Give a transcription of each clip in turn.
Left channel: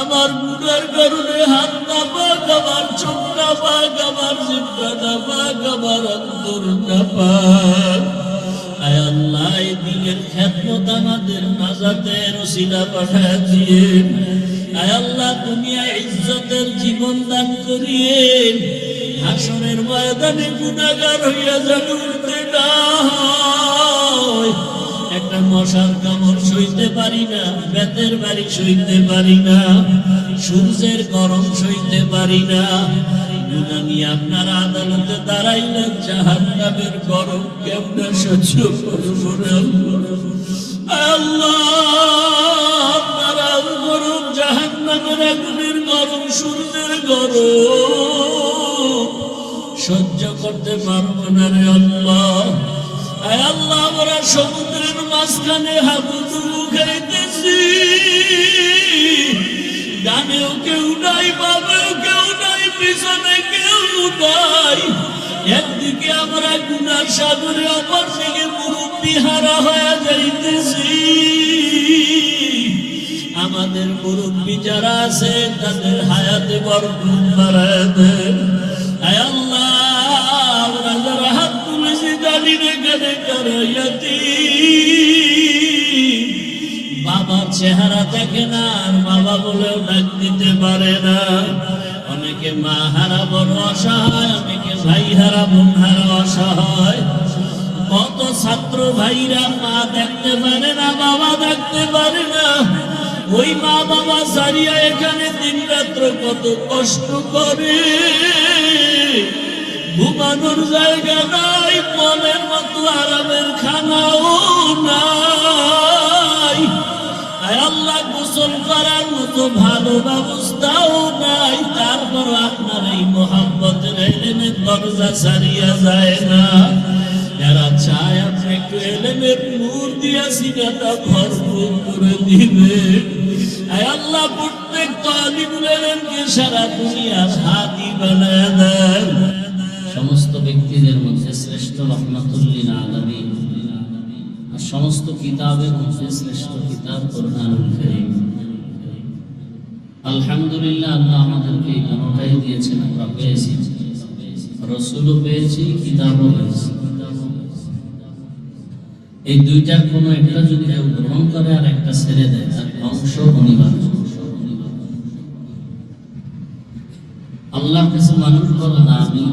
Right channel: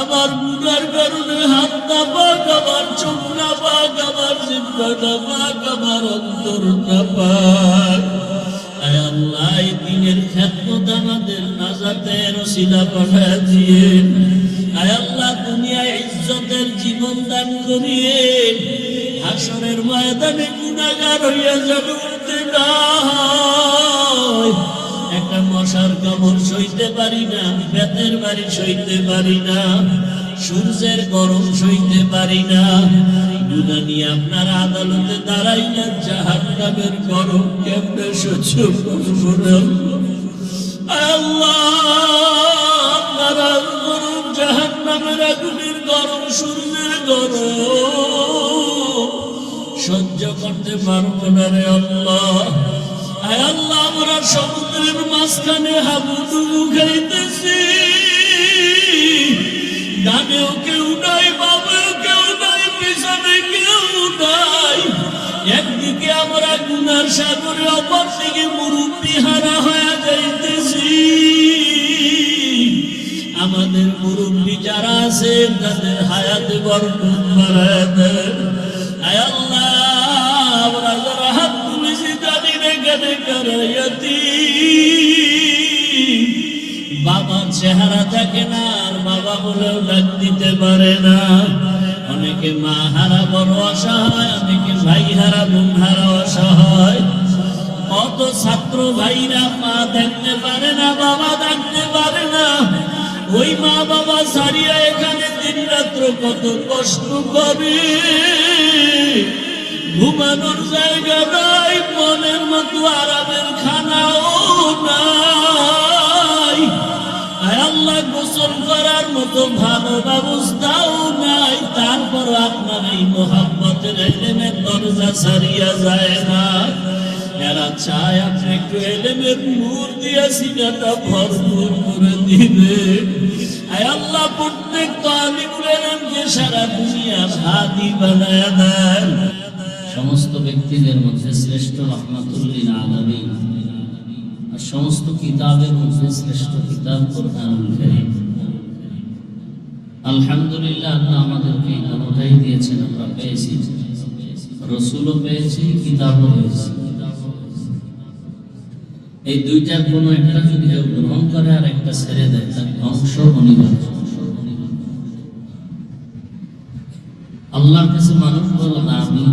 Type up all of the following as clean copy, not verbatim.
আমার গুনার কারণে হাত না পাক, আমার চোখ না পাক, আমার জিহ্বা না পাক, আমার অন্তর না পাক। আয় আল্লাহ, এই দিনের খেদমত আমাদের নাজাতের ওসিলা পাঠায় দিয়ে। আয় আল্লাহ, দুনিয়ায় ইজ্জতের জীবন দান করিয়ে হাসরের ময়দানে গুনাহগার হইয়া যেন উঠতে না হয়। একটা মশার কামড় সইতে পারি না, বেতের বাড়ি সইতে পারি না, সূর্যের গরম সইতে পারি না। দুনিয়া নিয়ে আপনার আদালতে দাঁড়াইলেন, জাহান্নামের গরম কেমনে সহ্য করব আল্লাহ? আপনার গরম জাহান্নামের আগুনের গরম, সূর্যের গরম সহ্য করতে পারবো না রে আল্লাহ। আয় আল্লাহ, আমরা সমুদ্রের মাঝখানে হাবুডুবু খাইতেছি, ডানেও কেউ নাই, বামেও কেউ নাই, পিছনে কেউ নাই। একদিকে আমরা গুনার সাগরে, অপর দিকে মুরব্বি হারা হয়ে যাইতেছি। আমাদের মুরব্বি যারা আছে তাদের হায়াতে বরকত বাড়ায় দেন। আয় আল্লাহ, আমরা যারা হাত তুলেছি জানি না কেন করাইয়াছি। বাবার চেহারা দেখে না, আর বাবা বলেও ডাক দিতে পারে না। অনেকে মা হারা বড় অসহায়, অনেকে ভাই হারা বোন হারা অসহায়। কত ছাত্র ভাইরা মা দেখতে পারে না, বাবা দেখতে পারে না। ওই মা বাবা সারিয়া এখানে দিন রাত্র কত কষ্ট করে। ঘুমানোর জায়গা নাই, মনের মতো আরামের খানাও নাই। আল্লাহ, গোসল করার মতো ভালো ব্যবস্থাও নাই। তারপর আপনার এই মোহাম্মতের এলেমের দরজা ছাড়িয়া যায় না। এরা চায় আপনি একটু এলেমের নূর দিয়েছিলেন, ভরপুর করে দিবেন। আল্লাহ, প্রত্যেক তালিবুল ইলমকে সারা দুনিয়ার হাদি বানায় দেন। সমস্ত ব্যক্তিদের মধ্যে শ্রেষ্ঠ রহমাতুল লিল আলামিন, আর সমস্ত কিতাবের মধ্যে শ্রেষ্ঠ কিতাব কুরআনুল কারীম। আলহামদুলিল্লাহ, আল্লাহ আমাদেরকে এই দুটোটাই দিয়েছেন। আমরা পেয়েছি, রাসূলও পেয়েছি, কিতাবও পেয়েছি। এই দুইটার কোনো একটা যদি কেউ গ্রহণ করে আর একটা ছেড়ে দেয়, তার ধ্বংস অনিবার্য। আল্লাহর কাছে মানুষ বলে না আমি,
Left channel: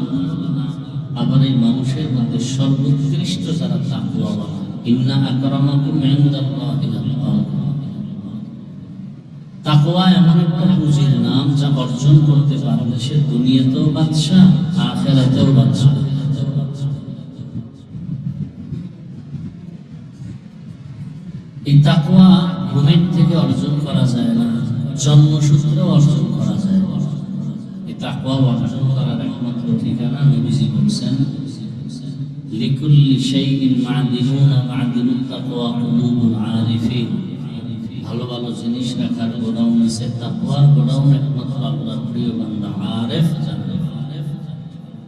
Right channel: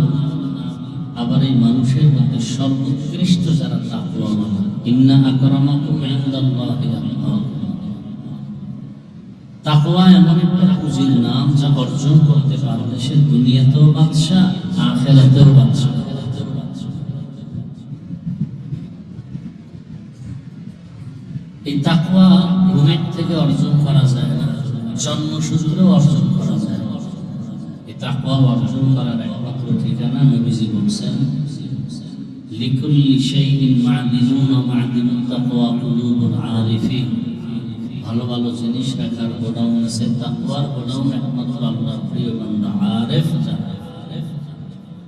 আবার এই মানুষের মধ্যে সর্বোৎকৃষ্ট যারা তাকওয়াওয়ালা। ইন্না আকরামাকুম ইনদাল্লাহি আতকাকুম। তাকওয়া এমন একটা পুঁজির নাম, যা অর্জন করতে পারলে সে দুনিয়াতেও বাদশা, আখিরাতেও বাদশা। এই তাকওয়া ঘুমের থেকে অর্জন করা যায় না, জন্মসূত্রেও অর্জন করা যায় না। এই তাকওয়া অর্জন করার একমাত্র ঠিকানা নবীজি বলছেন, লিকুল্লি শাইইন মা'দিনুন ওয়া মা'দিনুত তাকওয়া কুলুবুল আরিফিন। ভালো ভালো জিনিস রাখার গোডাউন আছে, তাকওয়ার গোডাউন একমাত্র আল্লাহর প্রিয় বান্দা আরিফ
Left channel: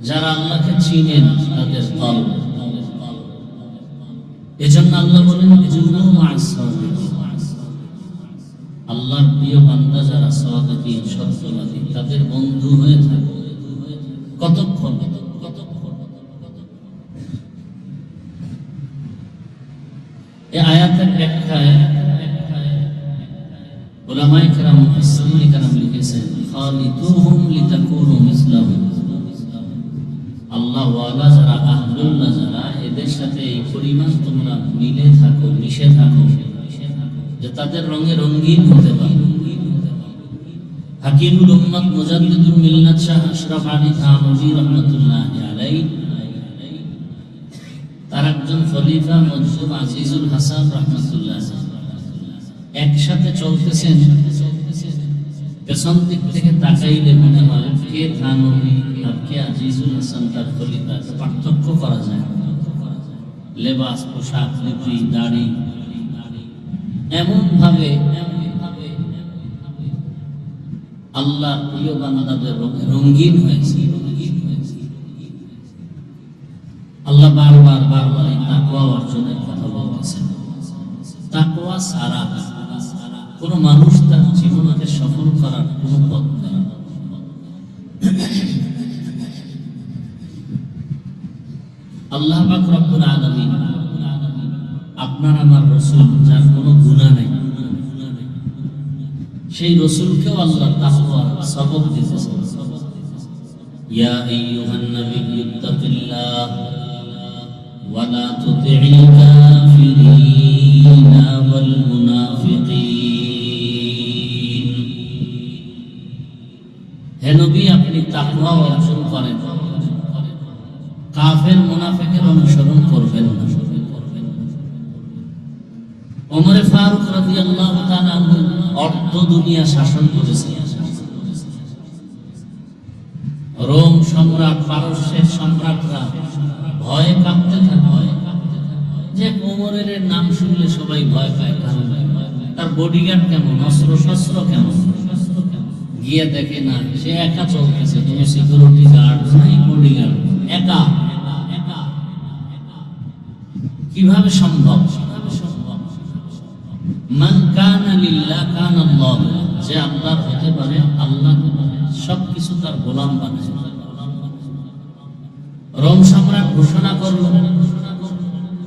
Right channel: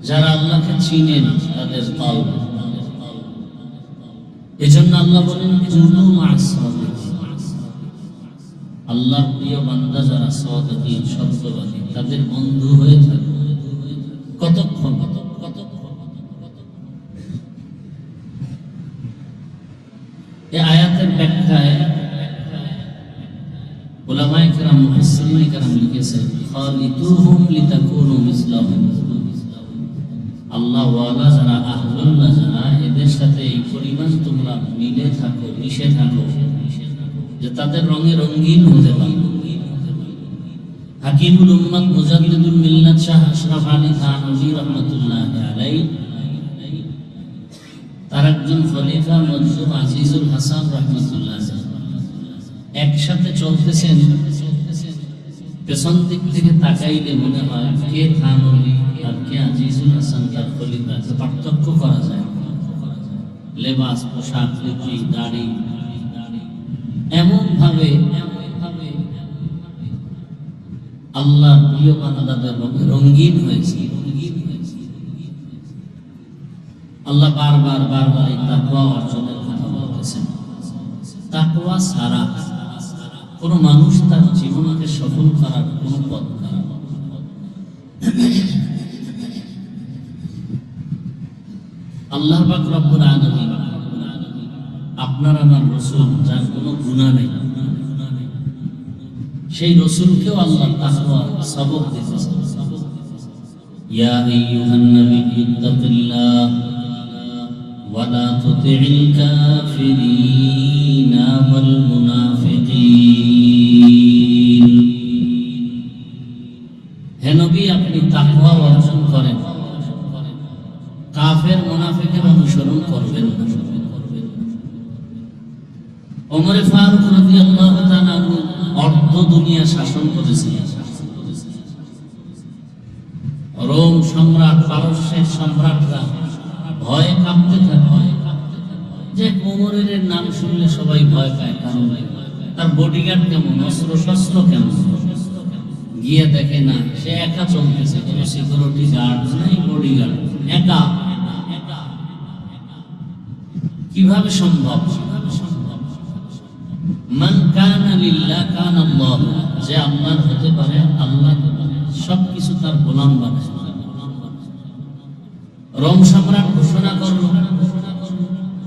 যারা আল্লাহকে চিনেন, তাদের কলব। এজন্য আল্লাহ বলেন, আল্লাহর প্রিয় বান্দা যারা সাদিকিন, সত্যবাদী, তাদের বন্ধু হয়ে থাকে। কতক্ষণ? এই আয়াতের ব্যাখ্যায় উলামায়ে কেরাম, মুফাসসিরিনে কেরাম লিখেছেন, খালিতুহুম লিতাকুনু মিসলাহুম। আল্লাহ ওয়ালা যারা, আহলুল্লাহ যারা, এদের সাথে এই পরিমাণ তোমরা মিলে থাকো, মিশে থাকো, যে তাদের রঙে রঙিন হতে পারো। হাকিমুল উম্মাত মুজাদ্দিদুল মিল্লাত শাহ আশরাফ আলী থানভী রাহমাতুল্লাহি আলাইহি, তার একজন খলিফা মরহুম আজিজুল হাসান রাহমাতুল্লাহ একসাথে চলতেছেন। পেছন দিক থেকে তাকাইলে মনে হয় কে থানভী আর কে আজিজুল হাসান, তার খলিফা। পার্থক্য করা যায়, লেবাস, পোশাক, লিপি, দাড়ি, এমন ভাবে আল্লাহর প্রিয় বান্দাদের রঙিন হয়েছে। আল্লাহ বারবার এই তাকওয়া অর্জনের কথা বলতেছেন। তাকওয়া ছাড়া কোনো মানুষ তার জীবনকে সফল আল্লাহ পাক রব্বুল আলামিন আপনার আমার রাসূল যার কোনো গুনাহ নেই, সেই রাসূলকেও আল্লাহ তাকওয়া সবক দিয়েছেন। ইয়া আইয়ুহান নাবিয়্যু ইত্তাকিল্লাহ ওয়া লা তুতি'ল কাফিরিনা ওয়াল মুনাফিকিন। হে নবী, আপনি তাকওয়া অর্জন করেন, কাফের মুনাফিকের অনুসরণ করবেন না। ওমর ফারুক রাদিয়াল্লাহু তাআলা আনহু অর্ধ দুনিয়া শাসন করেছিলেন। রোম সম্রাট, পারস্যের সম্রাটরা ভয়ে কাঁপতে থাকে, যে ওমরের নাম শুনলে সবাই ভয় পায়, কারণ তার বডিগার্ড কেমন, অস্ত্র শস্ত্র কেমন। গিয়ে দেখে না, সে একা চলতেছে, কোনো সিকিউরিটি গার্ড নাই, বডিগার্ড, একা। কিভাবে সম্ভব? মান কানা লিল্লাহ কানা আল্লাহ, যে আল্লাহর হতে পারে আল্লাহ সবকিছু তার গোলাম বানায়। রোম সম্রাট ঘোষণা করলো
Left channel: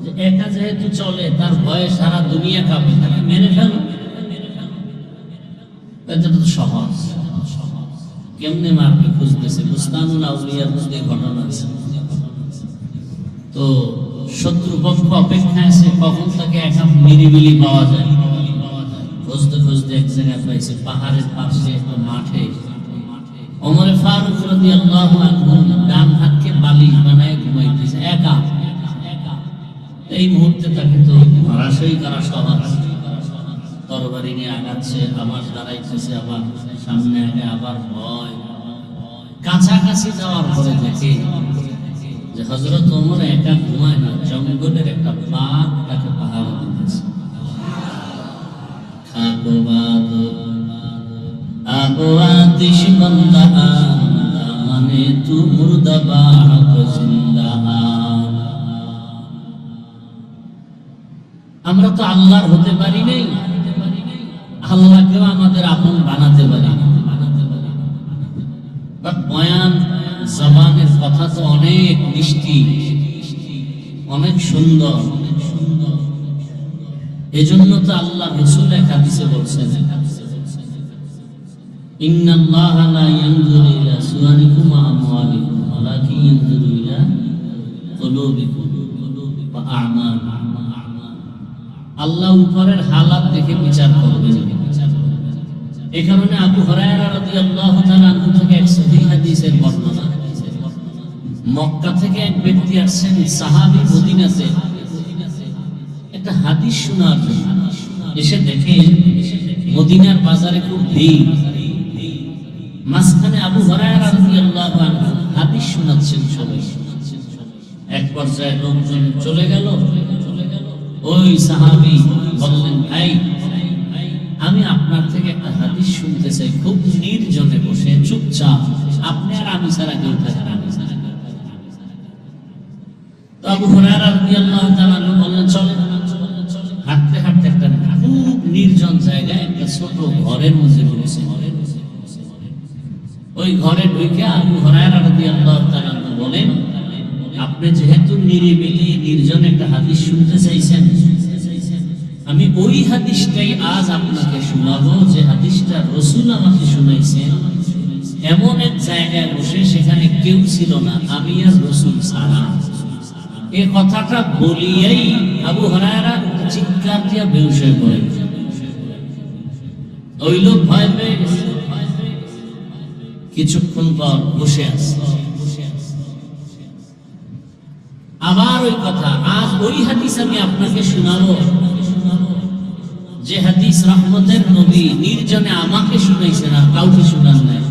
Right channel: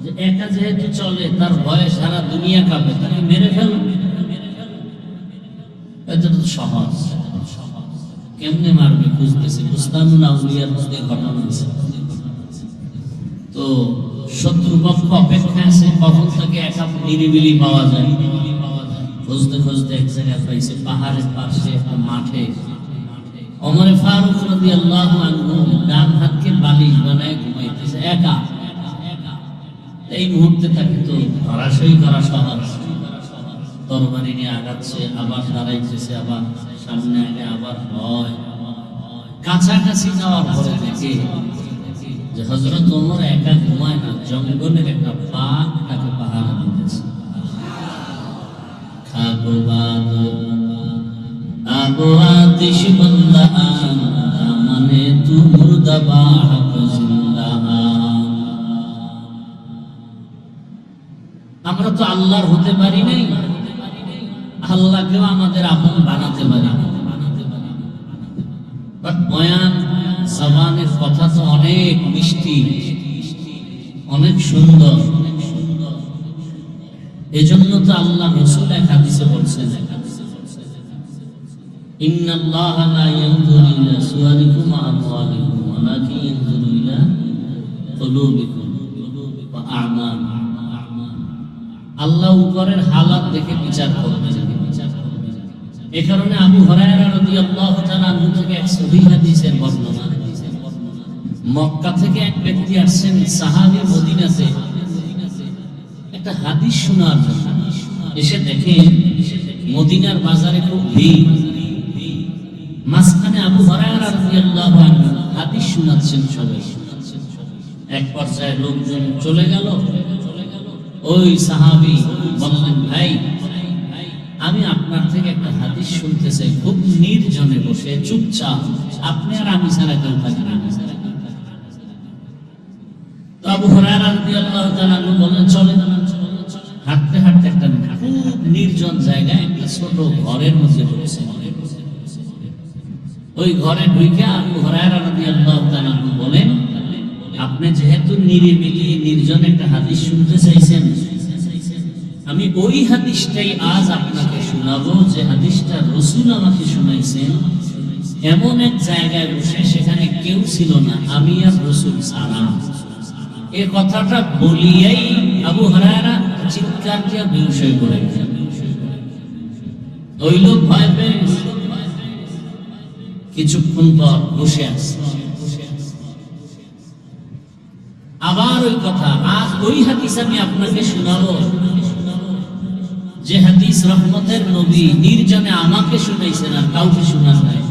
যে একা যেহেতু চলে, তার ভয়ে সারা দুনিয়া কাঁপে, তাকে মেরে ফেলো। এটা তো সহজ, কেমনে মারবে খুঁজতেছে। বুস্তানুল আউলিয়ার মধ্যে ঘটনা আছে। তো শত্রুপক্ষ অপেক্ষায় আছে কখন তাকে একা নিরিবিলি পাওয়া যায়। খুঁজতে খুঁজতে এক জায়গায় পেয়েছে, পাহাড়ের পাশে একটা মাঠে। ওমর ফারুক রাদিয়াল্লাহু আনহু ডান হাতকে বালিশ বানায় ঘুমাইতেছে একা। এই মুহূর্তে তাকে তো ধরাশয়ী করা সহজ। তরবারি নিয়ে আগাচ্ছে, আবার দাঁড়াইতেছে, আবার সামনে আগে, আবার ভয়। কাছাকাছি যাওয়ার পরে দেখে যে হযরত ওমর একা ঘুমায় না, জঙ্গলের একটা বাঘ তাকে পাহারা দিতেছে। খাবো বাদ আবু আতিশ বান্দা মানে তু মুর্দা বাগ জিন্দা। আমরা তো আল্লাহর হতে পারি নাই, আল্লাহকেও আমাদের আপন বানাতে পারি। বয়ান জবানের কথা তো অনেক মিষ্টি, অনেক সুন্দর। এজন্য তো আল্লাহ রাসূল এক হাদিসে বলছেন, ইন্নাল্লাহা লা ইয়ানজুরু ইলা সুওয়ারিকুম ওয়া আমওয়ালিকুম ওয়ালাকিন ইয়ানজুরু ইলা কুলুবিকুম ওয়া আ'মালিকুম। আল্লাহ উপরের হালাত দেখে বিচার করবেন। এই কারণে আবু হুরায়রা রাদিয়াল্লাহু তাআলা আনহু থেকে এক সহিহ হাদিসের বর্ণনা, মক্কা থেকে এক ব্যক্তি আসছেন সাহাবী মদিনাতে একটা হাদিস শোনার। এসে দেখে মদিনার বাজারে খুব ভিড়, মাঝখানে আবু হুরায়রা রাদিয়াল্লাহু আনহু হাদিস শোনাচ্ছেন সবাই। এক পর্যায়ে লোকজন চলে গেল। ওই সাহাবী বললেন, ভাই আমি আপনার থেকে একটা হাদিস শুনতে চাই, খুব নির্জনে বসে চুপচাপ, আপনি আর আমি ছাড়া কেউ থাকবেন। তো আবু হুরায়রা রাদিয়াল্লাহু তাআলা বললেন, চলে। হাঁটতে হাঁটতে একটা খুব নির্জন জায়গায় একটা ছোট ঘরের মধ্যে ঢুকেছে। ওই ঘরে ঢুকে আবু হুরায়রা রাদিয়াল্লাহু তাআলা বলেন, আপনি যেহেতু নিরিবিলি নির্জন একটা হাদিস শুনতে চাইছেন, আমি ওই হাদিসটাই আজ আপনাকে শোনাবো, যে হাদিসটা রাসূল আমাকে শুনাইছেন এমন এক জায়গায় বসে, সেখানে কেউ ছিল না, আমি আর রাসূল ছাড়া। এই কথাটা বলিয়াই আবু হুরায়রা চিৎকার দিয়া বেহুশ হয়ে পড়ে। ওই লোক ভয় পেয়ে গেছে। কিছুক্ষণ পর বসে আছে, আবার ওই কথা, আজ ওই হাদিস আমি আপনাকে শোনাবো, যে হাদিস রহমতের নবী নির্জনে আমাকে শুনাইছেন আর কাউকে শোনান নাই,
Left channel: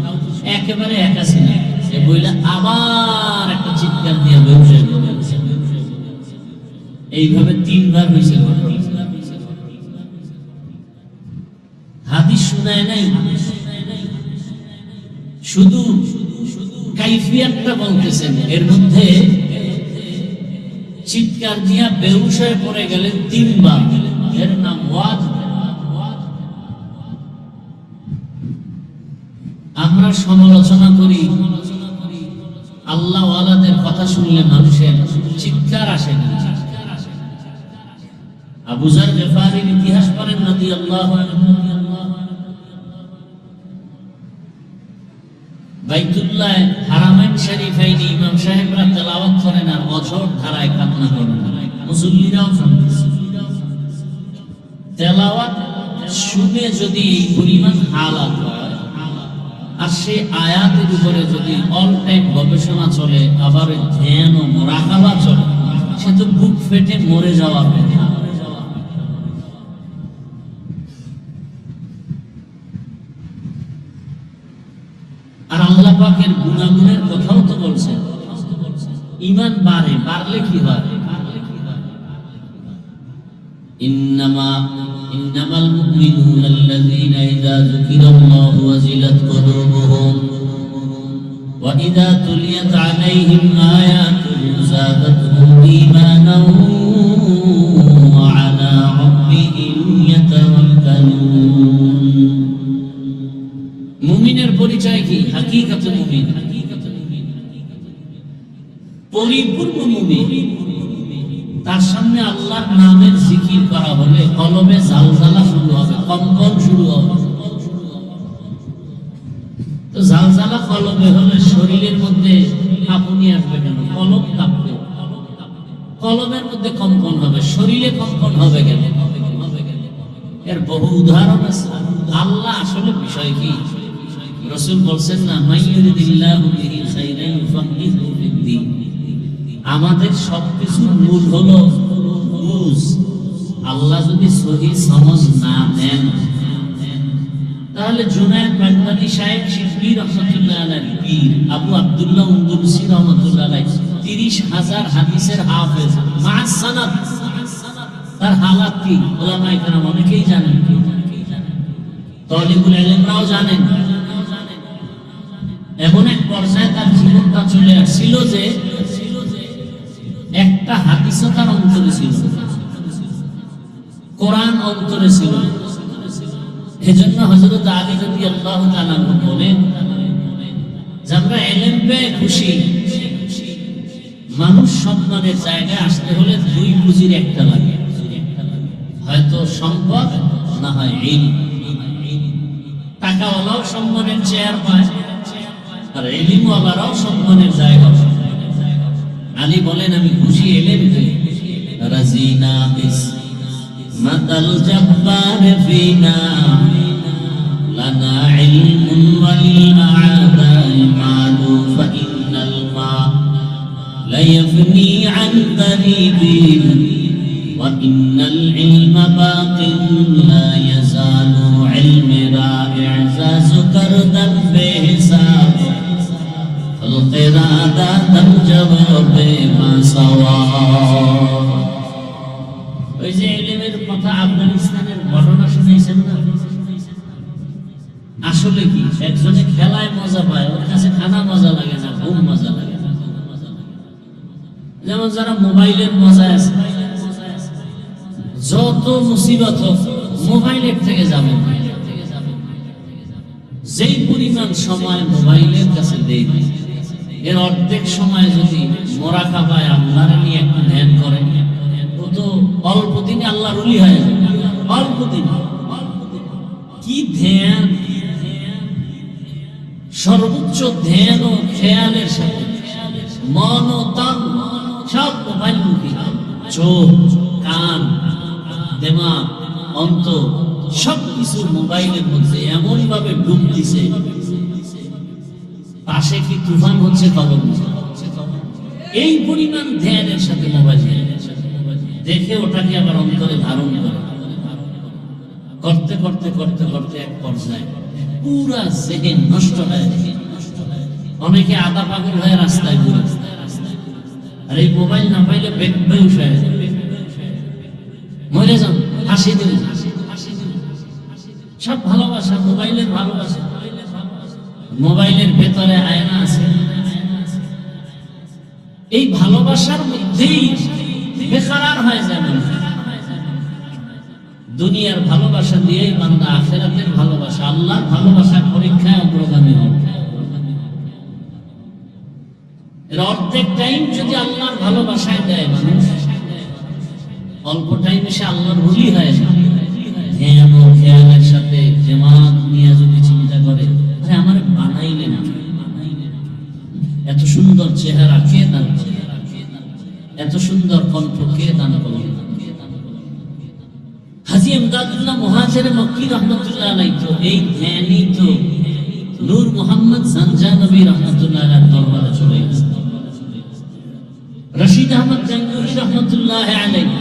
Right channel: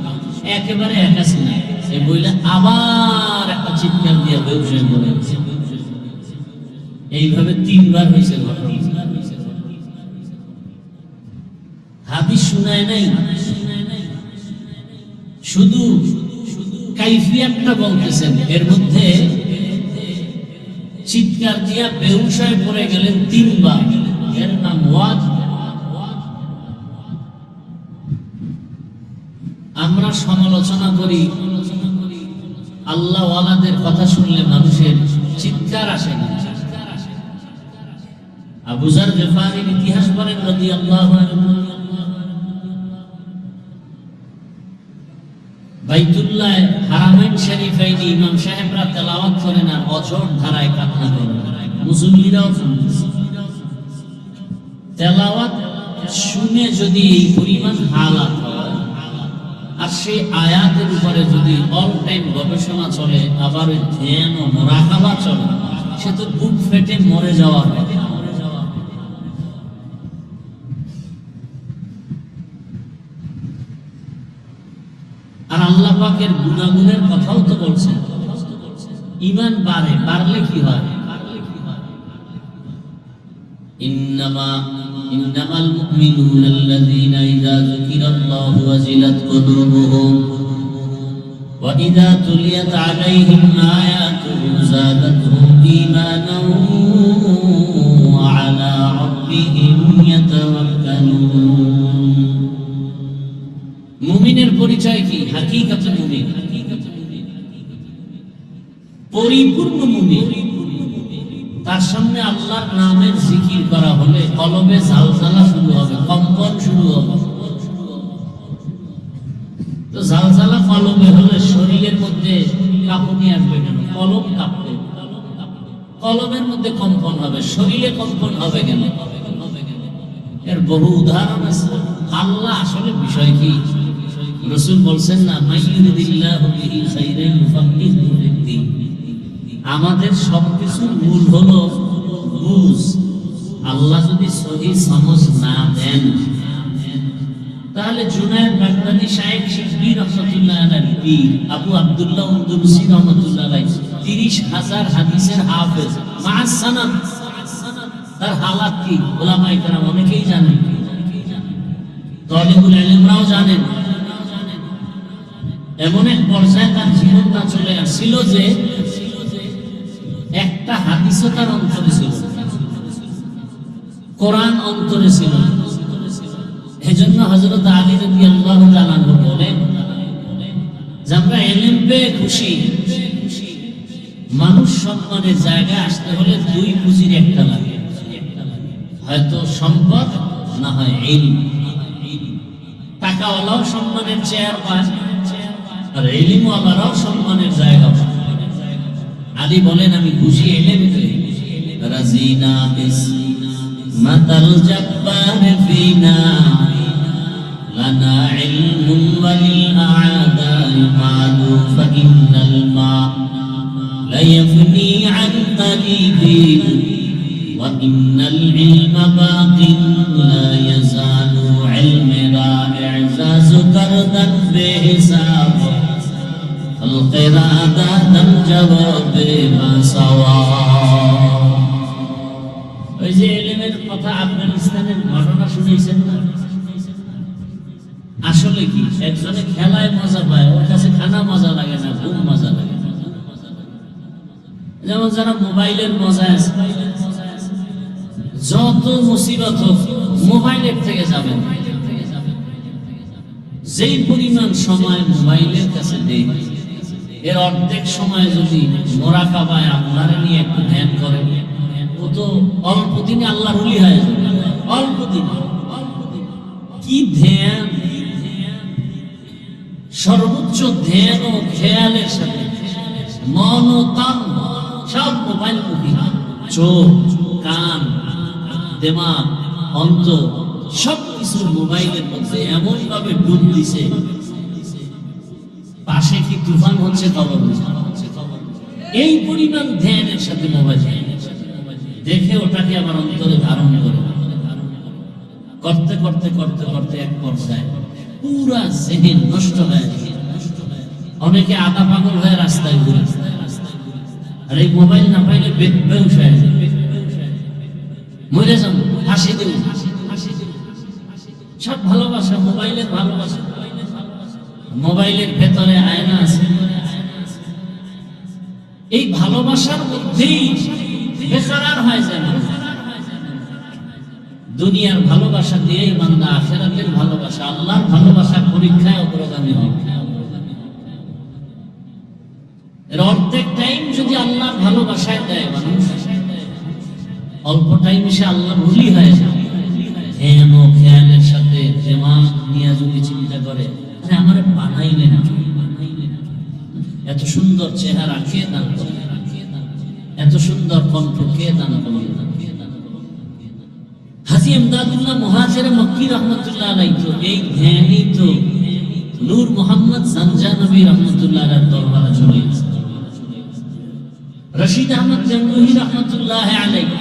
একেবারে একা ছিলেন। সে মহিলা আবার একটা চিৎকার দিয়ে বেহুশ হয়ে পড়ে। এইভাবে 3 বার হয়েছে ঘটনা। হাদিস শুনায় নাই, শুধু কাইফিয়াতটা বলতেছেন। এর মধ্যে চিৎকার দিয়া বেহুশ হয়ে পড়ে গেলেন 3 বার। এর নাম ওয়াজ। আমরা সমালোচনা করি, আল্লাহ ওয়ালাদের কথা শুনলে মানুষের চিৎকার আসে না। আবু যার গিফারীর ইতিহাস পড়েন রাদিয়াল্লাহু আনহু, বাইতুল্লাহ হারামাইন শরীফাইন ইমাম সাহেবরা তেলাওয়াত করেন আর অঝোর ধারায় কান্না করেন, মুসল্লিরাও শুনতেছে। তেলাওয়াত শুনে যদি এই পরিমাণ হালাত হয় আর সেই আয়াতের উপরে যদি অল টাইম গবেষণা চলে, আবার ধ্যান ও মুরাকাবা চলে, সে তো বুক ফেটে মরে যাওয়ার কথা। আর আল্লাহ পাকের গুনাহগুনের কথাও তো বলছে, ঈমান বাড়লে কি হয়? ইন্নামাল মুমিনুনা আল্লাযীনা ইযা যুকিরাল্লাহু ওয়াজিলাত কুলুবুহুম ওয়া ইযা তুলিয়াত আলাইহিম আয়াতুহু যাদাতহুম ঈমানান ওয়া আলা রাব্বিহিম ইয়াতাওয়াক্কালুন। মুমিনের পরিচয় কি? হাকিকাতে মুমিন, পরিপূর্ণ মুমিন। তার সামনে আল্লাহর নামের জিকির করা হলে কলমে জালজালা শুরু হবে, কম্পন শুরু হবে। তো জালজালা কলমে হলে শরীরের মধ্যে কাঁপুনি আসবে কেন? কলম কাঁপবে, কলমের মধ্যে কম্পন হবে, শরীরে কম্পন হবে কেন? এর বহু উদাহরণ আছে। আল্লাহ আসলে বিষয় কি? রাসূল বলছেন না, মাইয়ুরিদিল্লাহু বিহি খাইরান ইউফাক্কিহু ফিদ্দীন। আমাদের সবকিছুর মূল হলো বুঝ। আল্লাহ যদি সহি সমঝ না দেন, তাহলে জুনায়েদ বাগদাদী সাহেব শিবলি রাহমাতুল্লাহ আলাইহি, পীর আবু আব্দুল্লাহ উনদুলসি রাহমাতুল্লাহ আলাইহি 30,000 হাদিসের হাফেজ, মা সানাদ। তার হালাত কি উলামায়ে কেরাম অনেকেই জানেন, তালিবুল ইলমরাও জানেন। এমন এক পর্যায়ে তার জীবনটা চলে আসছিল যে একটা হাদিসও তার অন্তরে ছিল, কোরআন অন্তরে ছিল। এজন্য হযরত আলী রাদিয়াল্লাহু তাআলা আনহু বলেন যে আমরা ইলম পেয়ে খুশি। মানুষ সম্মানের জায়গায় আসতে হলে দুই পুঁজির একটা লাগে, হয়তো সম্পদ, না হয় ইলম। টাকাওয়ালাও সম্মানের চেয়ার পায়, আর ইলমওয়ালারাও সম্মানের জায়গা পায়। আলী বলেন আমি খুশি ইলম পেয়ে। রাজিনা মাতাল জাব্বার ফিনা লানা ইলমুন ওয়ালিল আ'দা'i মা'লু ফাইন্নাল মা লা ইয়াফনি আন তারিবি ওয়া ইন্নাল ইলমা বাকিন লা ইয়াজালু ইলমি রা'i'জাযু কারদান বিহিসাব ওই যে ইলমের কথা আফগানিস্তানের ঘটনা শুনেছেন না? আসলে কি, একজনে খেলায় মজা পায়, ওর কাছে খানা মজা লাগে না, ঘুম মজা লাগে। যেমন যারা মোবাইলের মজা আছে, যত মুসিবত হোক মোবাইলের থেকে যাবে। যেই পরিমাণ সময় মোবাইলের কাছে দেয়, এর অর্ধেক সময় যদি মুরাকাবায় আল্লাহর নিয়ে একটু ধ্যান করেন, ও তো অল্প দিনে আল্লাহর ওলি হয়ে যাবে। অল্প দিন কি ধ্যান, সর্বোচ্চ ধ্যান ও খেয়ালের সাথে মন ও তন সব মোবাইল মুখী। চোখ, কান, দিমাগ, অন্তর সবকিছু মোবাইলের মধ্যে এমন ভাবে ডুব দিছে, পাশে কি তুফান হচ্ছে খবর নেই। এই পরিমাণ ধ্যানের সাথে মোবাইল দেখে ওটাকে আবার অন্তরে ধারণ করে করতে করতে করতে করতে এক পর্যায়ে পুরা জেহেন নষ্ট হয়ে যায়। অনেকে আধা পাগল হয়ে রাস্তায় ঘুরে, আর এই মোবাইল না পাইলে বেহুশ হয়ে যায়, মরে যান, ফাঁসি দিন। সব ভালোবাসা, মোবাইলের ভালোবাসা। মোবাইলের ভেতরে আয়না আছে, এই ভালোবাসার মধ্যেই বেকারার হয়ে যায়। দুনিয়ার ভালোবাসা দিয়েই বান্দা আখিরাতের ভালোবাসা, আল্লাহর ভালোবাসার পরীক্ষায় অগ্রগামী হবে। অর্ধেক টাইম যদি আল্লাহর ভালোবাসায় দেয় মানুষ, অল্প টাইম এসে আল্লাহর ভুলি হয়ে যায়। ধ্যান ও খেয়ালের সাথে জামাত নিয়ে যদি চিন্তা করে, আমার বানাইলেন এত সুন্দর চেহারা কে দান করলেন, এত সুন্দর কণ্ঠ কে দান করলেন। হাজী ইমদাদুল্লাহ মুহাজির মক্কি রহমতুল্লাহ আলাইহি তো এই ধ্যানই তো নূর মোহাম্মদ জানজানবী রহমতুল্লাহ আলাইহির দরবারে চলে গেছে। রশিদ আহমদ গঙ্গোহী রহমতুল্লাহ আলাইহি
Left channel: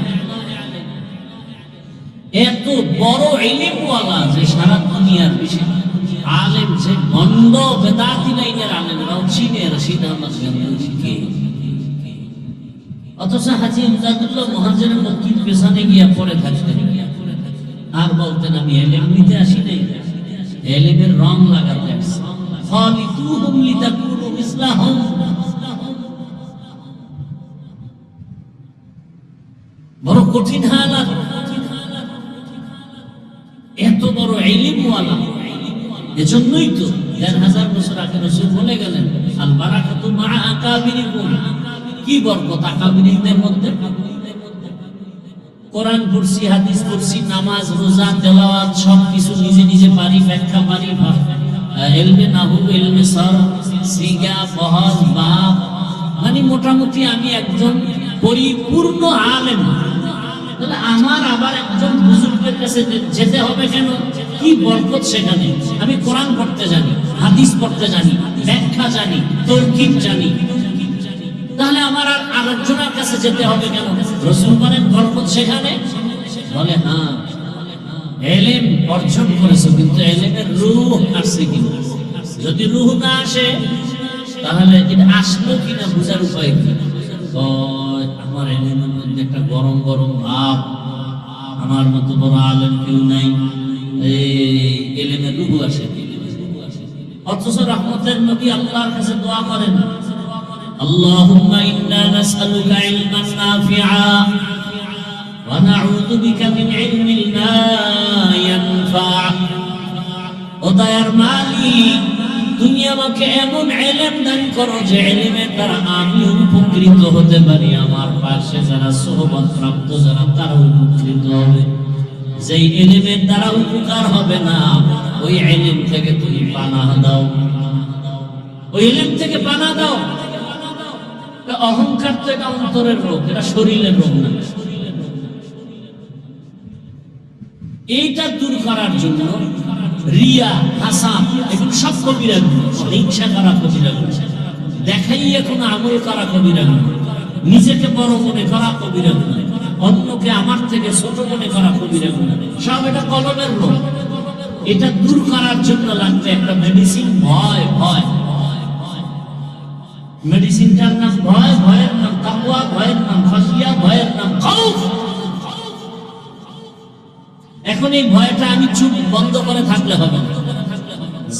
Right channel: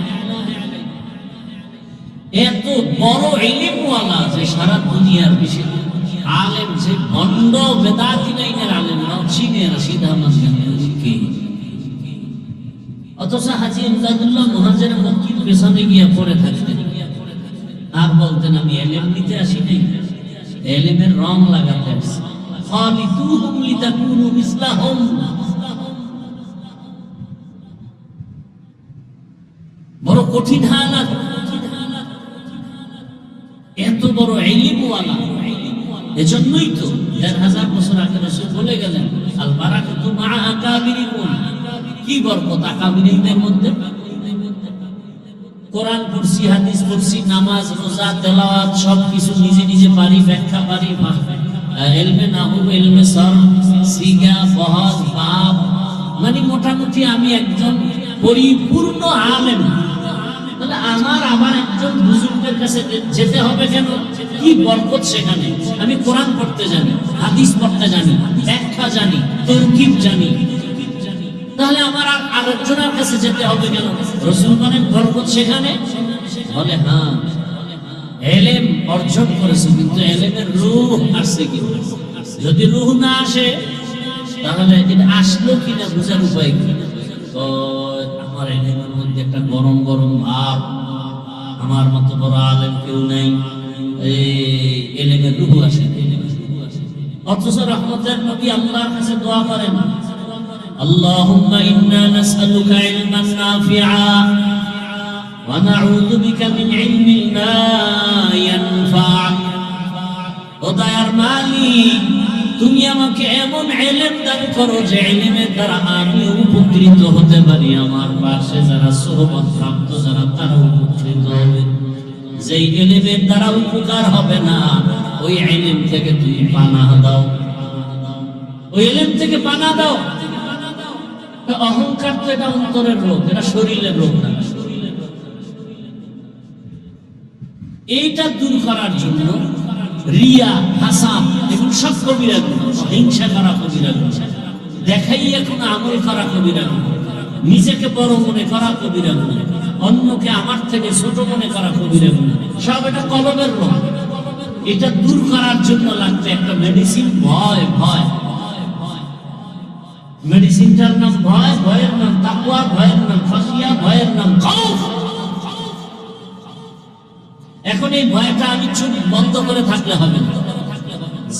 এত বড় ইলমওয়ালা যে সারা দুনিয়ার বেশি আলেম, যে বন্ড বেদাতি লাইনের আলেমরাও চিনে রশিদ আহমদ গঙ্গোহীকে। অথচ হাজী ইমদাদুল্লাহ মুহাজির মক্কির পেছনে গিয়ে পড়ে থাকতেন আর বলতেন আমি এলেম নিতে আসি নাই, এলেমের রং লাগাতে আসছি। খালিতুহুম লিতাকুনু মিসলাহুম, বড় কঠিন হালাত। এত বড় ইলমওয়ালা, এজন্যই তো ১,৫০০ বছর আগে রাসূল বলে গেলেন আল বারাকাতু মাআ আকাবিরিকুম, কি বরকত আকাবিরদের মধ্যে। কোরআন পড়ছি, হাদিস পড়ছি, নামাজ রোজা তেলাওয়াত সবকিছু নিজে নিজে পারি, ব্যাখ্যা পারি, ইলমে নাহু, ইলমে সরফ, সিগা, বহাজ, বাব, মানে মোটামুটি আমি একজন পরিপূর্ণ আলেম। তাহলে আমার একজন বুজুর্গের কাছে যেতে হবে কেন? কি বরকত সেখানে। আমি কোরআন পড়তে জানি, হাদিস পড়তে জানি, ব্যাখ্যা জানি, তাওকীদ জানি, তাহলে আমার আর আরেকজনের কাছে যেতে হবে কেন? রাসূল বলেন বরকত সেখানে। বলে হ্যাঁ, ইলম অর্জন করেছে, কিন্তু ইলমের রূহ আসছে কি? যদি রূহ না আসে তাহলে এটা আসলো কিনা বোঝার উপায় কি? আমার ইলমের মধ্যে একটা গরম গরম ভাব, আমার মতো বড় আলেম কেউ নাই, ইলমের রূহ আসে। অথচ রহমতের নবী আল্লাহর কাছে দোয়া করেন, আল্লাহুম্মা ইন্না নাসআলুকা ইলমান নাফিআ ওয়া নাউযু বিকা মিন ইলমিন লা ইয়ানফা। ও দয়ার মালিক, তুমি আমাকে এমন ইলম দান করো যে ইলমের দ্বারা আমি উপকৃত হতে পারি, আমার পাশে যারা সোহবত প্রাপ্ত যারা তারা উপকৃত হবে। যে ইলমের দ্বারা উপকার হবে না, ওই ইলম থেকে তুমি পানাহ দাও, ওই ইলম থেকে পানাহ দাও। অহংকার তো এটা অন্তরের রোগ, এটা শরীরের রোগ না। এইটা দূর করার জন্য রিয়া, হাসাদ, এগুলো সব কবিরা গুনাহ। হিংসা করা কবিরা গুনাহ, দেখাইয়া কোনো আমল করা কবিরা গুনাহ, নিজেকে বড় মনে করা কবিরা গুনাহ, অন্যকে আমার থেকে ছোট মনে করা কবিরা গুনাহ। সব এটা কলবের রোগ। এটা দূর করার জন্য লাগবে একটা মেডিসিন, ভয়। ভয় মেডিসিনটার নাম ভয়, ভয়ের নাম তাকওয়া, ভয়ের নাম খাশিয়া, ভয়ের নাম খাউফ। এখন এই ভয়টা আমি চুপ বন্ধ করে থাকলে হবে না।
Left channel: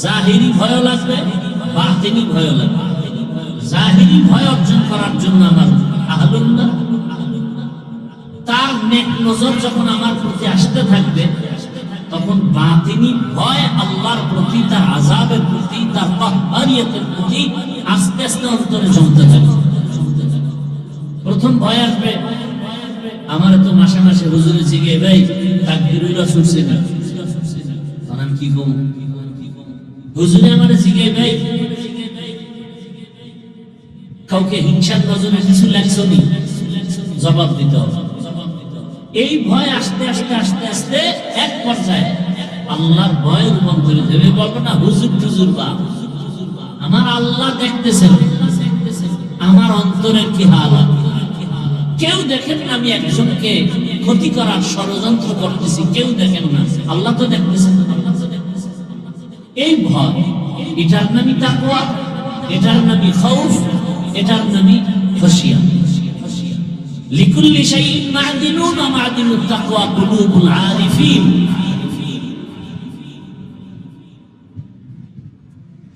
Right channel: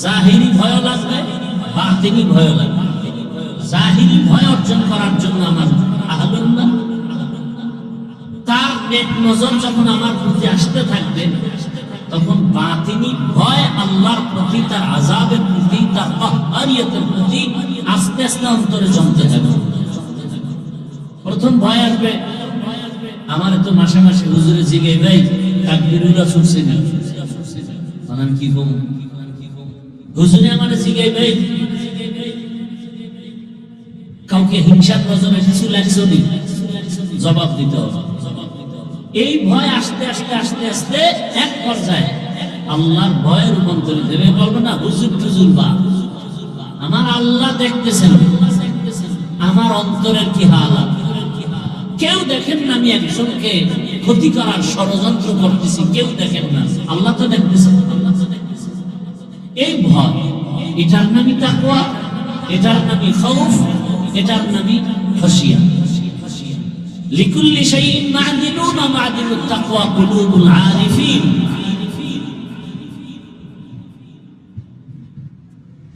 জাহিরি ভয় লাগবে, বাতিনি ভয় লাগবে। জাহিরি ভয় অর্জন করার জন্য আমার আহলুল্লাহ তার নেক নজর যখন আমার প্রতি আসতে থাকবে, তখন বাতিনি ভয় আল্লাহর প্রতি, তার আযাবের প্রতি, তার কাহরিয়াতের প্রতি আস্তে আস্তে অন্তরে জমতে থাকবে। প্রথম ভয় আসবে, আমার তো মাসে মাসে হুজুরে জিগে ভাই তাকবীরুল্লাহ ছুটছে না, আমি কি কম? হুজুরে আমার জিগে ভাই কাউকে হিংসার নজরে কিছু লাগছে নি, জবাব দিতে হবে। এই ভয় আস্তে আস্তে আস্তে আস্তে এক পর্যায়ে আল্লাহর ভয় রূপান্তরিত হবে। বলবো না হুজুর টুজুর বা, আমার আল্লাহ দেখতেছেন আমার অন্তরের কি হালাত। কেউ দেখেন না আমি একজনকে ক্ষতি করার ষড়যন্ত্র করতেছি, কেউ দেখেন না, আল্লাহ তো দেখতেছেন। এই ভয়, এটার নামই তাকওয়া, এটার নামই খাউফ, এটার নামই খাশিয়া। লিকুল্লি শাইইন মা'দিলুন ওয়া মা'দিলুত তাকওয়া কুলুবুল আরিফিন।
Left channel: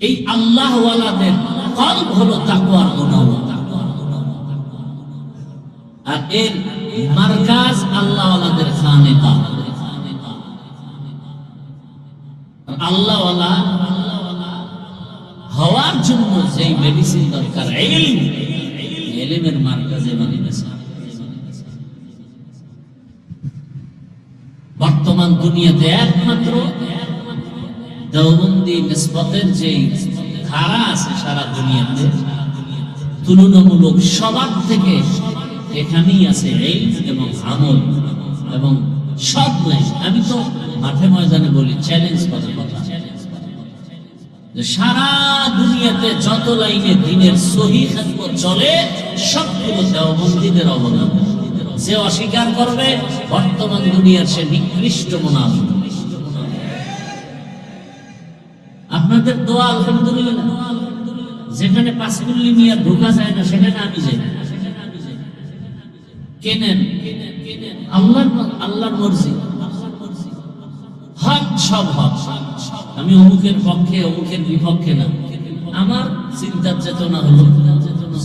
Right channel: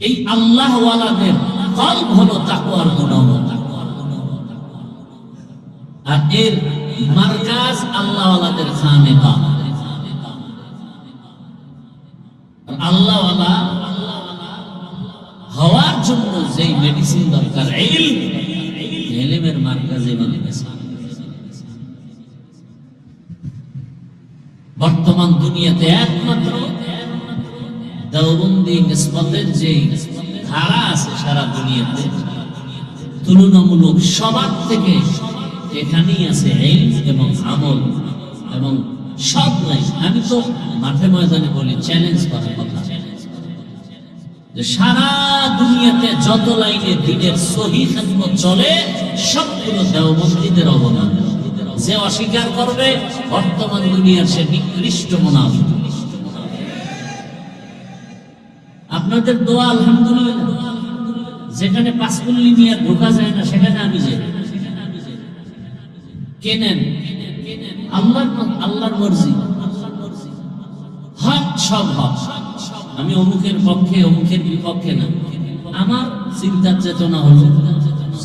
এই আল্লাহ ওয়ালাদের কলব হলো তাকওয়ার গুনাহ, আর এর মারকাজ আল্লাহ ওয়ালাদের খানেকা। আল্লাহ ওয়ালা হওয়ার জন্য যে যেই মেডিসিন দরকার ইলমের মার্কাজে বানিয়েছে। বর্তমান দুনিয়াতে একমাত্র দেওবন্দি নিসবতের যে ধারা আছে সারা দুনিয়াতে, তুলনামূলক সবার থেকে এখানেই আছে ইলম এবং আমল এবং সব নাই। আমি তো মাঠে ময়দানে বলি, চ্যালেঞ্জ করার কথা, যে সারা দুনিয়াতে যত লাইনে দ্বীনের সহিহ খেদমত চলে সবগুলো দেওবন্দীদের অবদান। যে অস্বীকার করবে বর্তমান দুনিয়ার সে নিকৃষ্ট মুনাফিক। আপনাদের দোয়া আলহামদুলিল্লাহ, যেখানে পাঁচকুল্লি নিয়ে ঢোকা যায় না সেখানে আমি যাই। কেনেন আল্লাহর মর্জি, হক সব হক। আমি অমুকের পক্ষে অমুকের বিপক্ষে না। আমার চিন্তার চেতনা হলো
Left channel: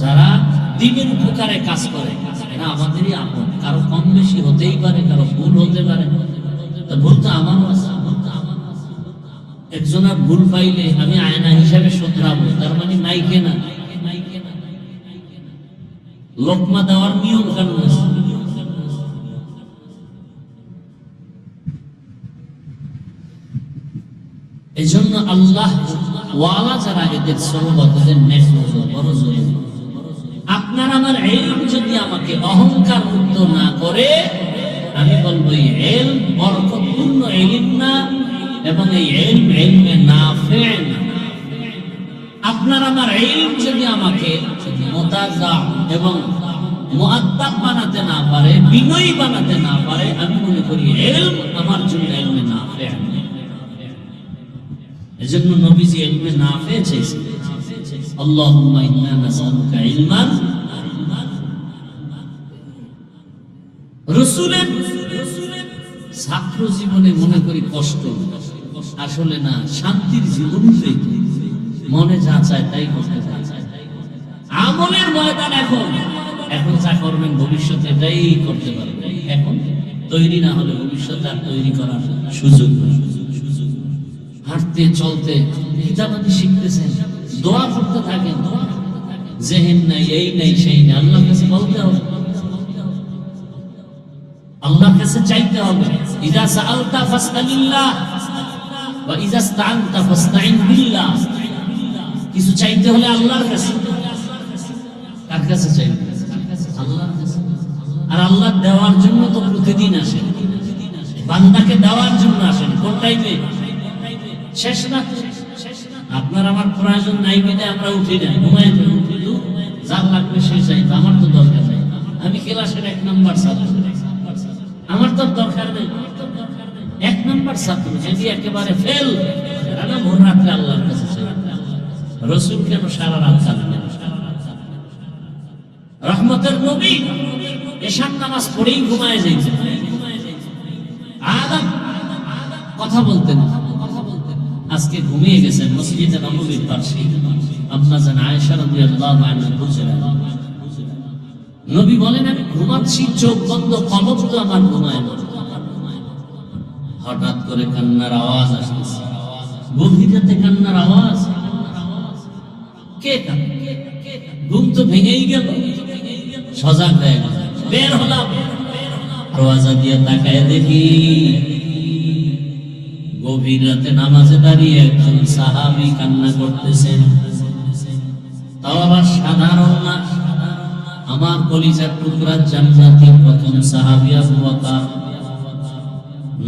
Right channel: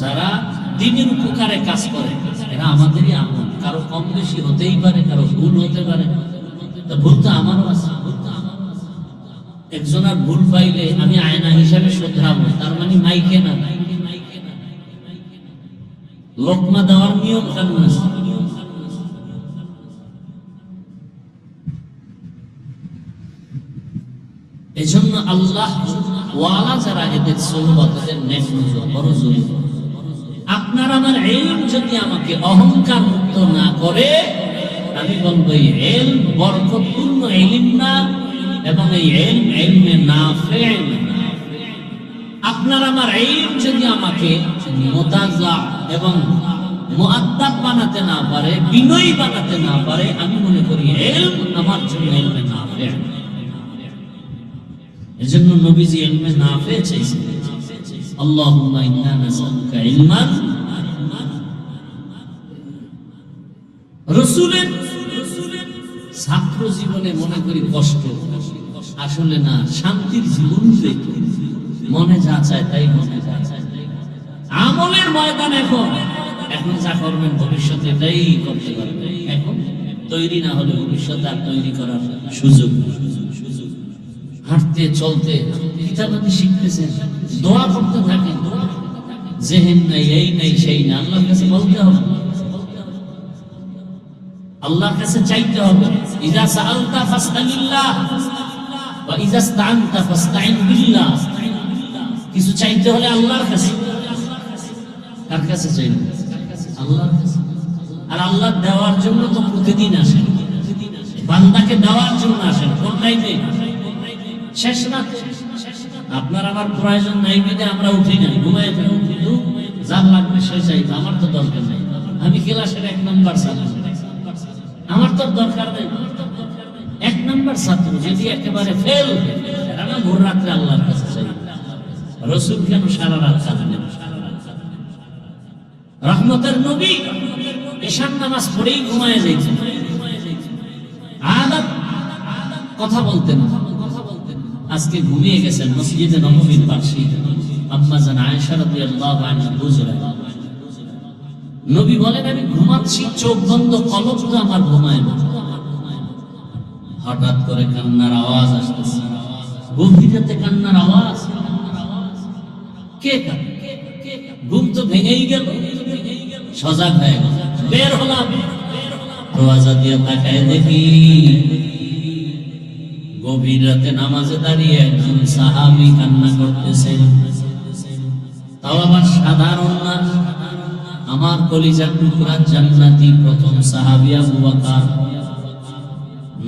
যারা দ্বীনের উপকারে কাজ করে এরা আমাদেরই আপন। কারো কম বেশি হতেই পারে, কারো ভুল হতে পারে, ভুল তো আমারও আছে। একজনের ভুল পাইলে আমি আয়না হিসাবে শোধরাবো, তার মানে মাইকে না। লোকমা দেওয়ার নিয়ম কানুন আছে। এজন্য আল্লাহ ওয়ালা যারা এদের সোহবত, এদের মনোযোগ, আপনার আমার ইলম যদি আমাকে অহংকার মুক্ত না করে, আমি বলবো এই ইলম বরকতপূর্ণ ইলম না, এবং এই ইলম ইলমে নাফি না। আপনার আমার ইলম যদি আমাকে মুতাযা এবং মুআদ্দাব বানাতে না পারে, বিনয়ী বানাতে না পারে, আমি মনে করি ইলম আমার জন্য ইলমে নাফি না। এজন্য নবীজি ইলমে নাফি চাইছিলেন। আল্লাহুম্মা ইন্না নাসআলুকা ইলমান। রাসূলের ছাত্র জীবনে মনে করি কষ্ট, আসলে না, শান্তির জীবন পেতে মনে যা চায় তাই মনে যা চায়। আমলের ময়দান এখন যা করবেন ভবিষ্যতে এটাই করতে পারবেন। এখন তৈরি না হলে ভবিষ্যতে আর তৈরি করার সুযোগ নেই। হাঁটতে চলতে কিতাবাদি শিখতেছেন, দোয়া করতে থাকেন, জেহেন নেই, এই নেই, সেই নেই, আল্লাহর কাছে বলতে হবে, আল্লাহর কাছে চাইতে হবে। ইযা সাআলতা ফাসআলিল্লাহ ওয়া ইযা ইসতাআনতা ফাসতাইন বিল্লাহ। কিছু চাইতে হলে আল্লাহর কাছে। কার কাছে চাইবে? আল্লাহর কাছে। আর আল্লাহ দেওয়ার জন্য তো প্রতিদিন আসেন, বান্দাকে দেওয়ার জন্য আসেন। কোনটাই নেই শেষ রাত। আপনার আমার প্রয়োজন নাই বিধে আমরা উঠি না, ঘুমাই থাকি, যার লাগবে সে চাইবে, আমার তো দরকার নেই। আমি ক্লাসের 1 নাম্বার ছাত্র, আমার তো দরকার নেই। 1 নাম্বার ছাত্র যদি একেবারে ফেল, সারা ভোর রাত্রে আল্লাহর কাছে চাই। রাসূল কেন সারা রাত কাঁদলেন? রহমতের নবী এশার নামাজ পড়েই ঘুমায় যাইতেন। আদব কথা বলতেন। আজকে ঘুমিয়ে গেছেন মসজিদে নববীর পাশে আম্মা জান আয়েশা রাদিয়াল্লাহু আনহা বুঝলেন, নবী বলেন আমি ঘুমাচ্ছি, চোখ বন্ধ, কলব তো আমার ঘুমায় না। হঠাৎ করে কান্নার আওয়াজ আসতেছে, গভীর রাতে কান্নার আওয়াজ। কে কাঁদে? ঘুম তো ভেঙেই গেল। সজাগ হয়ে গেল, বের হলাম, দরওয়াজা দিয়ে তাকায় দেখি গভীর রাতে নামাজে দাঁড়িয়ে একজন সাহাবী কান্না করতেছেন। তাও আবার সাধারণ না, আমার কলিজার টুকরা জান্নাতের প্রথম সাহাবী আবু বকর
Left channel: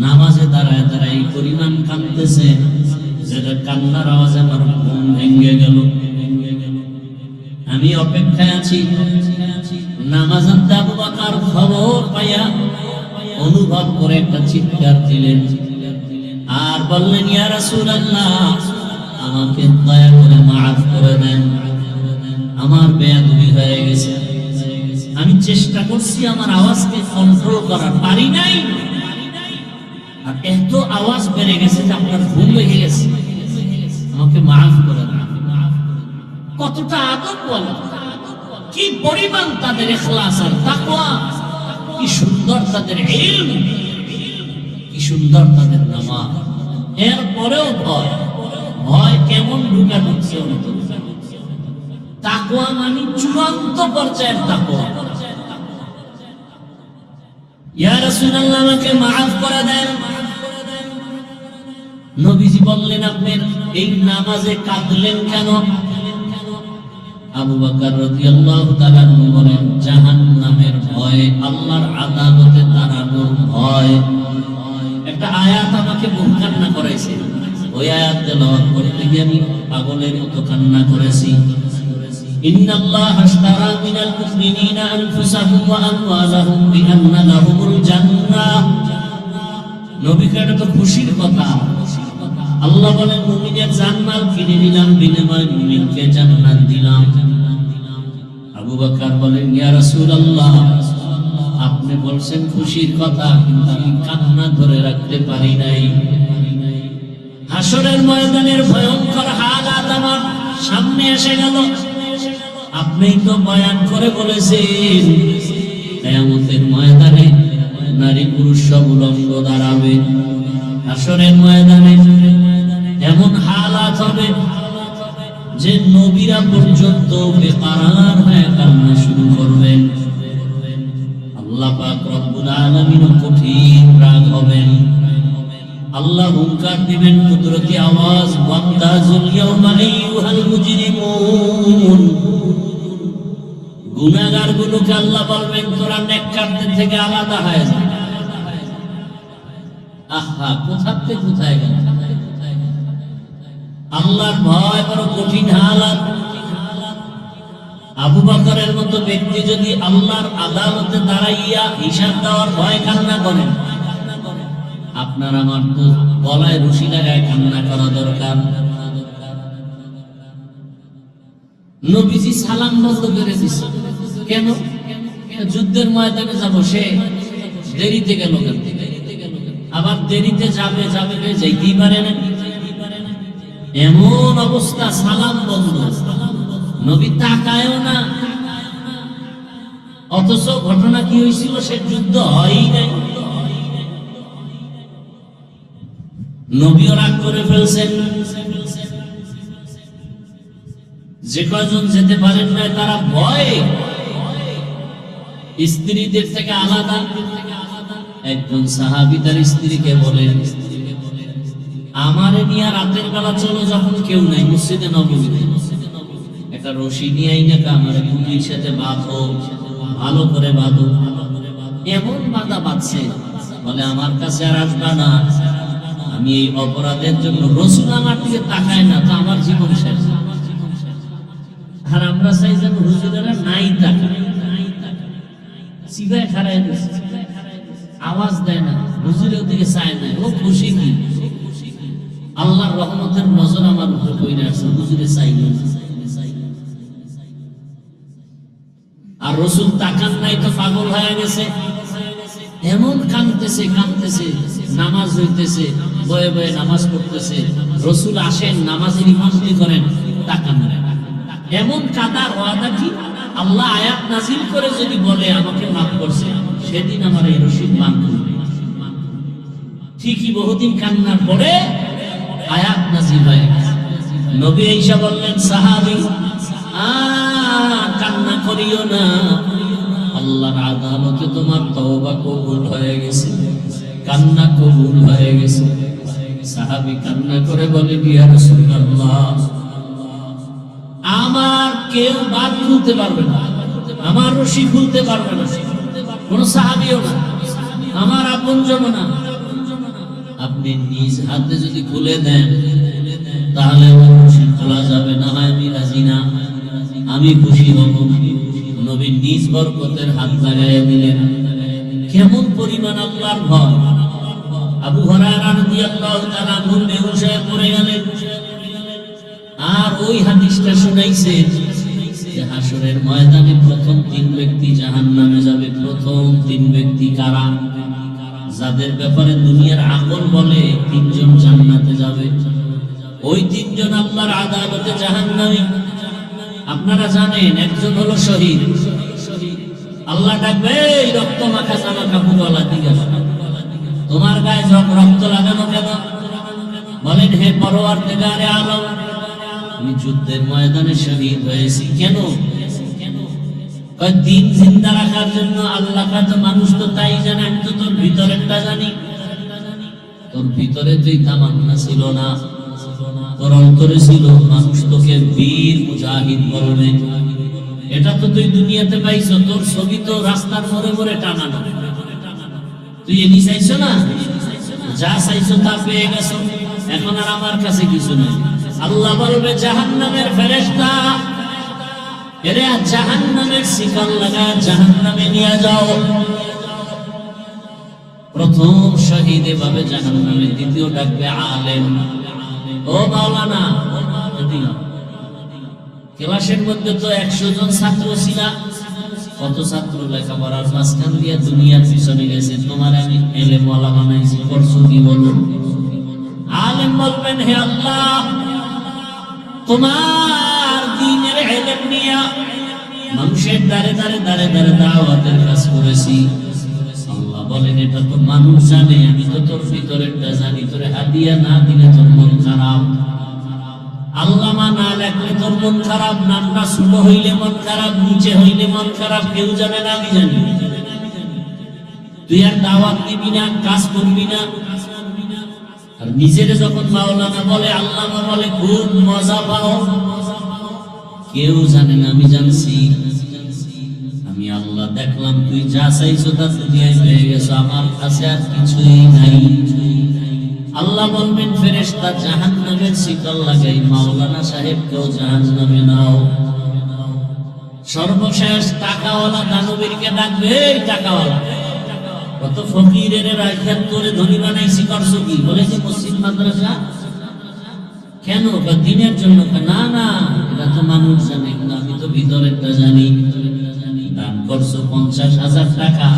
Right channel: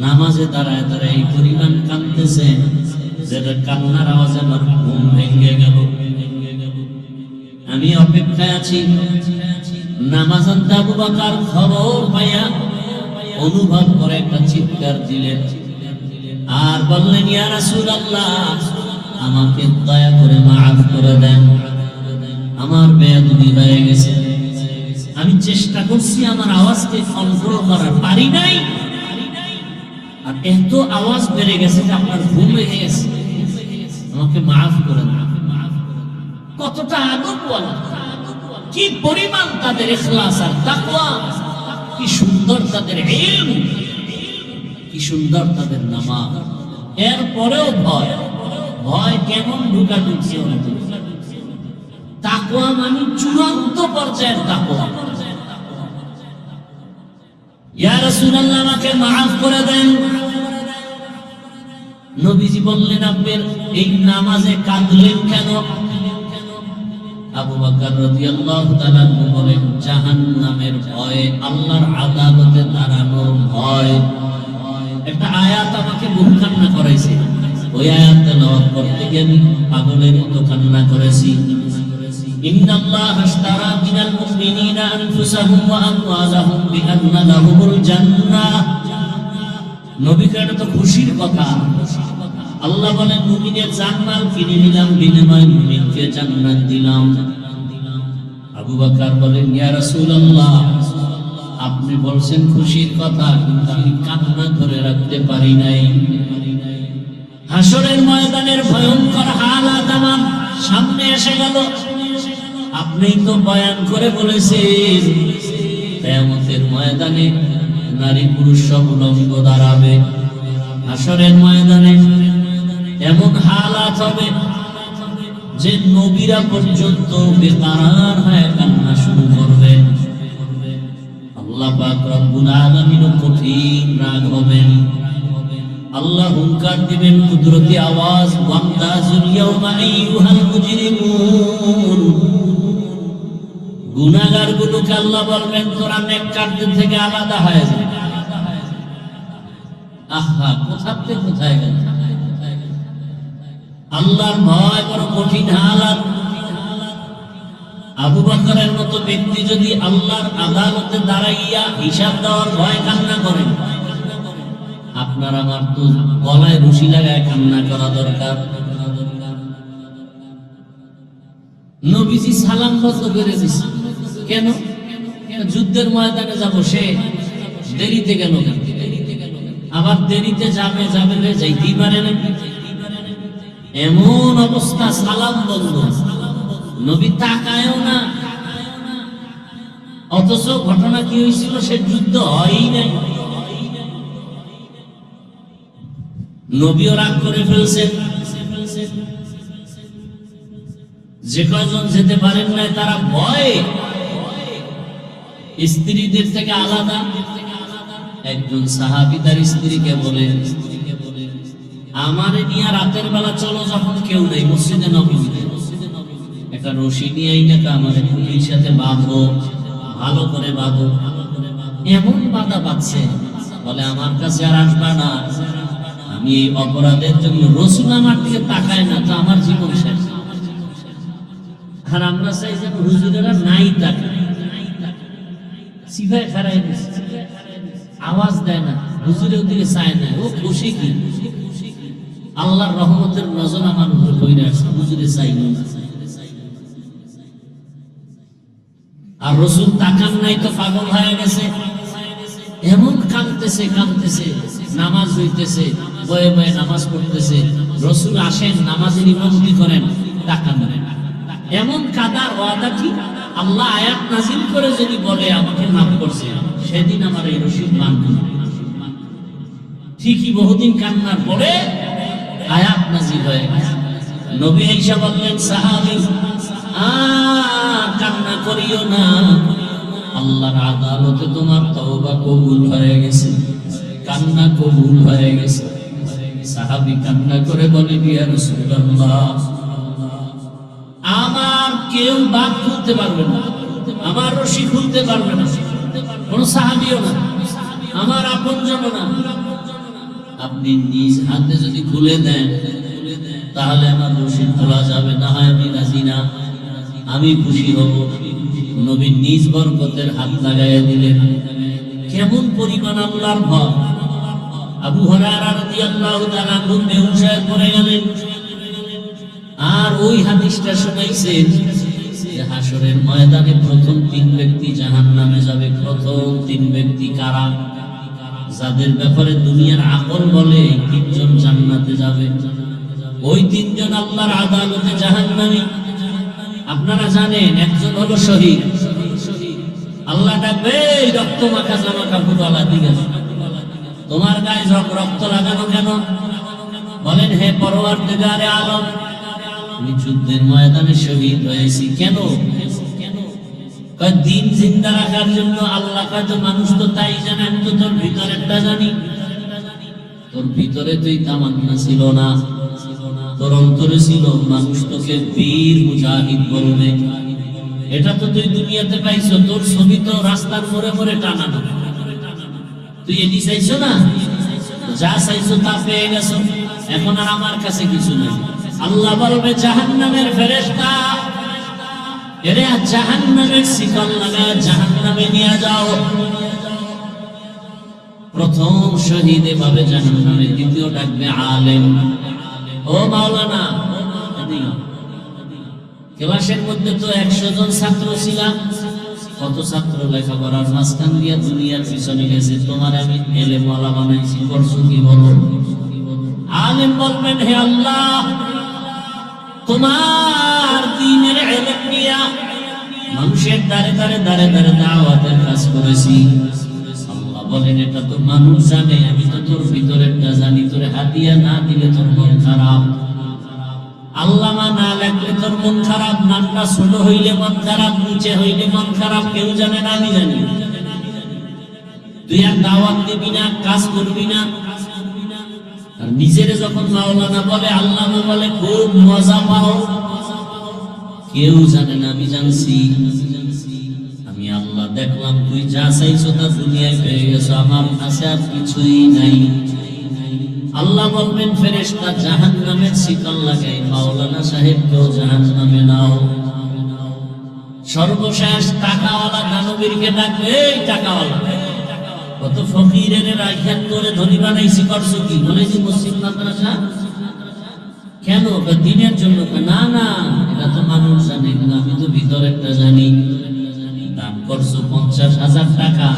নামাজে দাঁড়ায় দাঁড়ায় এই পরিমাণ কাঁদতেছে, যেটা কান্নার আওয়াজ আমার ঘুম ভেঙে গেল। আমি অপেক্ষায় আছি। নামাজান্তে আবু বকর খবর পাইয়া অনুভব করে একটা চিৎকার দিলেন আর বললেন, ইয়া রাসূলুল্লাহ, আমাকে দয়া করে মাফ করে দেন, আমার বেয়াদবি হয়ে গেছে। আমি চেষ্টা করছি আমার আওয়াজকে কন্ট্রোল করার, পারি নাই। আর এত আওয়াজ বেড়ে গেছে যে আপনার ভুল হয়ে গেছে, আমাকে মাফ করে দেন। কতটা আদবওয়ালা, কি পরিমাণ তাদের ইখলাস আর তাকওয়া, কি সুন্দর তাদের ইলম, কি সুন্দর তাদের নামাজ। এরপরেও ভয়, ভয় কেমন ঢুকা ঢুকছে অন্তরে। তাকওয়া মানে চূড়ান্ত পর্যায়ের তাকওয়া। ইয়া রাসূলুল্লাহ, আমাকে মাফ করে দেন। নবীজি বললেন, আপনি এই নামাজে কাঁদলেন কেন? আবু বকর রাদিয়াল্লাহু তাআলা বলেন, জাহান্নামের ভয়, আল্লাহর আদালতে দাঁড়ানোর ভয়। একটা আয়াত আমাকে বহু কান্না করাইছে, ওই আয়াত তেলাওয়াত করতে গিয়ে আমি পাগলের মতো কান্না করেছি। ইন্নাল্লাহা আশতারা মিনাল মুমিনিনা আনফুসাহুম ওয়া আমওয়ালাহুম বিআন্না লাহুমুল জান্নাহ। নবীকে এটা তো খুশির কথা। আল্লাহ বলেন, মুমিনের জান্নাত কিনে নিলাম, বিনিময়ে মুমিনকে জান্নাত দিলাম। আবু বকর বলেন, ইয়া রাসূলুল্লাহ, আপনি বলছেন খুশির কথা, কিন্তু আমি কান্না ধরে রাখতে পারি নাই। হাসরের ময়দানের ভয়ঙ্কর হালাত আমার সামনে এসে গেল। আপনিই তো বয়ান করে বলেছেন, কিয়ামতের ময়দানে নারী পুরুষ সব উলঙ্গ দাঁড়াবে। হাসরের ময়দানে এমন হালাত হবে যে নবীরা পর্যন্ত বেকারার হয়ে কান্না শুরু করবেন। আল্লাহ পাক রব্বুল আলামিন কঠিন রাগ হবেন। আল্লাহ হুঙ্কার দিবেন কুদরতি আওয়াজ, ওয়ামতাজুল ইয়াওমা আইয়ুহাল মুজরিমুন। গুনাহগারগুলোকে আল্লাহ বলবেন, তোরা নেককারদের থেকে আলাদা হয়ে যা। আহা, কোথা থেকে কোথায় গেল? আল্লাহর ভয় বড় কঠিন হালাত। আবু বকরের মতো ব্যক্তি যদি আল্লাহর আদালতে দাঁড়াইয়া হিসাব দেওয়ার ভয় কান্না করেন, আপনার আমার তো গলায় রশি লাগায় কান্না করা দরকার। নবীজি সালাম বন্ধ করে দিছে কেন? যুদ্ধের ময়দানে যাব, সে দেরিতে গেল কেন? আবার দেরিতে যাবে যাবে রে, যাইতেই পারে না। এমন অবস্থা, সালাম বন্ধ, নবী তাকায়ও না। অথচ ঘটনা কি হয়েছিল? সে যুদ্ধ হয়ই নাই। নবীও রাগ করে ফেলছেন। যে কয়জন যেতে পারেন না, তারা ভয়ে স্ত্রীদের থেকে আলাদা। একজন সাহাবী তার স্ত্রীকে বলে, আমারে নিয়ে রাতের বেলা চলো, যখন কেউ নেই, মসজিদে নববীতে একটা রশি নিয়ে আইনা আমাদের পুলিশের সাথে বাঁধো, ভালো করে বাঁধো। এমন বাঁধা পাচ্ছে, বলে আমার কাছে আর আসবা না, আমি এই অপরাধের জন্য। রসুল আমার দিকে তাকায় না, তা আমার জীবন শেষ। আর আমরা চাই যেন হুজুরেরা নাই তাকায়, সিভায় খারাই দিচ্ছে, আওয়াজ দেয় না, হুজুরের দিকে চায় না। ও খুশি কি? আল্লাহর রহমতের নজর আমার উপর পড়ে আছে, হুজুরে চাই না। আর রসুল তাকান নাই তো পাগল হয়ে গেছে। এমন কাঁদতেছে কাঁদতেছে, নামাজ হইতেছে, বয়ে বয়ে নামাজ পড়তেছে। রসুল আসেন, নামাজের ইমামতি করেন, তাকান। এমন কাদার ওয়াদা কি? আল্লাহ আয়াত নাজিল করে যদি বলে আমাকে মাফ করছে, সেদিন আমার এই রশিদ মান। ঠিকই বহুদিন কান্নার পরে আয়াত নাজিল হয়ে গেছে। নবী আয়েশা বললেন, সাহাবী কান্না করিও না, আল্লাহর আদালতে তোমার তওবা কবুল হয়ে গেছে, কান্না কবুল হয়ে গেছে। সাহাবী কান্না করে বলে, ইয়া রাসূলুল্লাহ, আমার কেউ বাদ খুলতে পারবে না, আমার রশি খুলতে পারবে না, কোন সাহাবীও না, আমার আপনজন না। আপনি নিজ হাতে যদি খুলে দেন, তাহলে আমার রশি খোলা যাবে, না হয় আমি রাজি না, আমি খুশি হব। নবী নিজ বরকতের হাত লাগাইয়া দিলেন। কেমন পরিমাণ আল্লাহর ভয়! আবু হুরায়রা রাদিয়াল্লাহু তাআলা বেহুশ হয়ে পড়ে গেলেন। আর ওই হাদিসটা শুনাইছেন যে হাসরের ময়দানে প্রথম 3 ব্যক্তি জাহান্নামে যাবে। প্রথম 3 ব্যক্তি কারা? যাদের ব্যাপারে দুনিয়ার আকল বলে 3 জন জান্নাতে যাবে। ওই 3 জন আল্লাহর আদালতে জাহান্নামী। আপনারা জানেন, একজন হলো শহীদ। আল্লাহ ডাকবে, এই রক্ত মাখা জামা কাপড়ওয়ালা দিকে, তোমার গায়ে সব রক্ত লাগানো কেন? বলেন, হে পরওয়ারদিগারে আলম, আমি যুদ্ধের ময়দানে শহীদ হয়েছি। কেন? দিন জিন্দা রাখার জন্য। আল্লাহ কাছে মানুষ তো তাই জানে, আমি তো তোর ভিতরেরটা জানি। তোর ভিতরে তুই তামান্না ছিল না, তোর অন্তরে ছিল। মানুষ তোকে বীর মুজাহিদ বলবে, এটা তো তুই দুনিয়াতে পাইছো। তোর ছবি তো রাস্তার মোড়ে মোড়ে টানানো। তুই এটি চাইছো না, যা চাইছো তা পেয়ে গেছো। এখন আর আমার কাছে কিছু নাই। আল্লাহ বলবে জাহান্নামের ফেরেশতা, এরে জাহান্নামের শিকল লাগায় জাহান্নামে নিয়ে যাও। প্রথম শহীদ এভাবে জাহান্নামে, দ্বিতীয় ডাকবে আলেম। ও মাওলানা, ক্লাসের মধ্যে তো 100 জন ছাত্র ছিলাম। কত ছাত্র লেখাপড়ার মাঝখান দিয়ে দুনিয়ার পিছনে গেছে, তোমার আমি এলেমওয়ালা বানাইছি, করছো কি বলো? আলেম বলবেন, হে আল্লাহ, তোমার দ্বীনের ইলম নিয়া মানুষের দ্বারে দ্বারে দ্বারে দ্বারে দাওয়াতের কাজ করেছি। আল্লাহ বলেন, এটা তো মানুষ জানে, আমি তো তোর ভিতরেরটা জানি। তোর হাদিয়া না দিলে তোর মন খারাপ, আল্লামা না লাগলে তোর মন খারাপ, নামটা ছোট হইলে মন খারাপ, নিচে হইলে মন খারাপ, কেউ জানে না, আমি জানি। তুই আর দাওয়াত দিবি না, কাজ করবি না। আর নিজের যখন মাওলানা বলে, আল্লামা বলে, খুব মজা পাও। কেউ জানে না, আমি জানছি। আমি আল্লাহ দেখলাম তুই যা চাইছো তা দুনিয়ায় পেয়ে গেছো, আমার কাছে আর কিছুই নাই। আল্লাহ বলবেন, ফেরেশতা জাহান্নামের শিকল লাগাই মাওলানা সাহেবকেও জাহান্নামে নাও। সর্বশেষ টাকাওয়ালা দানবীরকে ডাকবে, এই টাকাওয়ালা কত ফকিরের রাজধান করে ধনী বানাইছি, করছো কি? বলে যে মসজিদ মাদ্রাসা। কেন? দিনের জন্য। না না, এটা তো মানুষ জানে না, আমি তো ভিতরেরটা জানি। দান করছো 50,000 টাকা,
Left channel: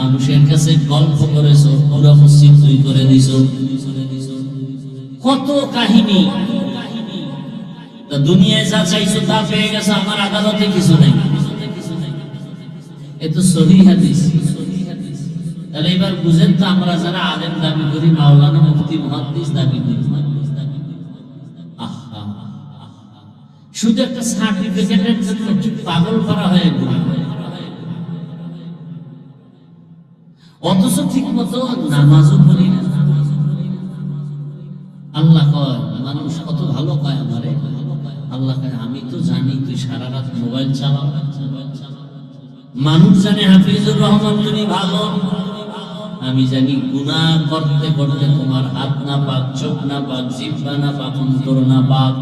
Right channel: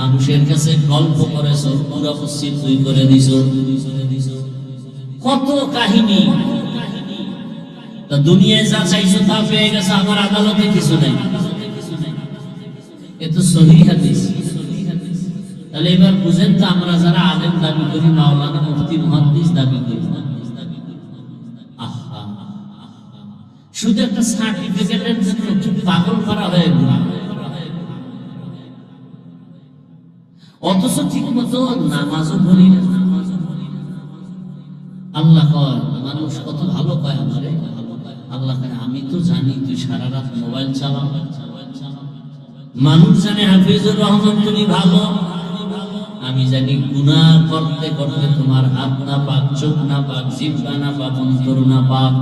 মানুষের কাছে গল্প করেছো, পুরো মসজিদ তুই করে দিছো। কত কাহিনী। তা দুনিয়ায় যা চাইছো তা পেয়ে গেছো, আমার আদালতে কিছু নাই। এ তো সহিহ হাদিস। তাহলে এবার বুঝেন তো, আমরা যারা আলেম দাবি করি, মাওলানা মুফতি মুহাদ্দিস দাবি করি, শুধু একটা সার্টিফিকেটের জন্য পাগল করা হয়ে গেল। অথচ ঠিক মতো নামাজও পড়ি না। আল্লাহ কয়, মানুষ কত ভালো কয় আমারে। আল্লাহ কয়, আমি তো জানি তুই সারা রাত মোবাইল চালাও। মানুষ জানে হাফিজুর রহমান তুমি ভালো, আমি জানি গুনাহ করতে করতে তোমার হাত না পাক, চোখ না পাক, জিহ্বা না পাক, অন্তর না পাক।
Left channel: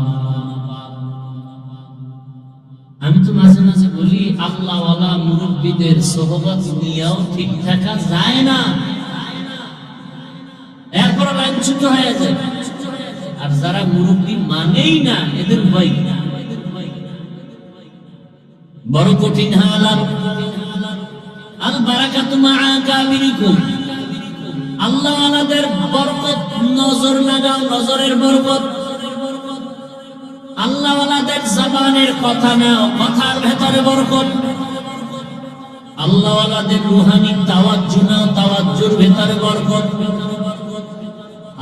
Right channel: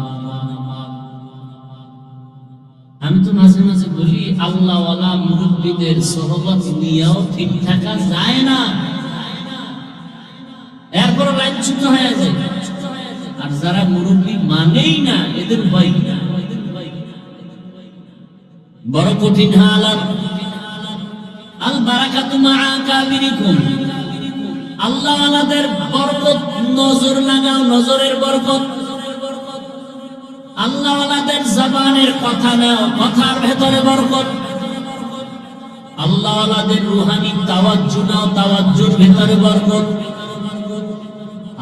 আমি তো মাঝে মাঝে বলি, আল্লাহওয়ালা মুরব্বীদের সোহবত নিয়েও ঠিক থাকা যায় না, এরপরে লাইনচ্যুত হয়ে যায়। আর যারা মুরব্বী মানেই না, এদের ভয় বড় কঠিন হালাত। আল বারাকাতু মাআ কাবিরিকুম, আল্লাহওয়ালাদের বরকত নজর লাগাও, নজরের বরকত। আল্লাহওয়ালাদের জবানের কথা নাও, কথার ভেতরে বরকত। আল্লাহওয়ালাদের রুহানি তাওয়াজ্জু নাও, তাওয়াজ্জুর ভেতরে বরকত।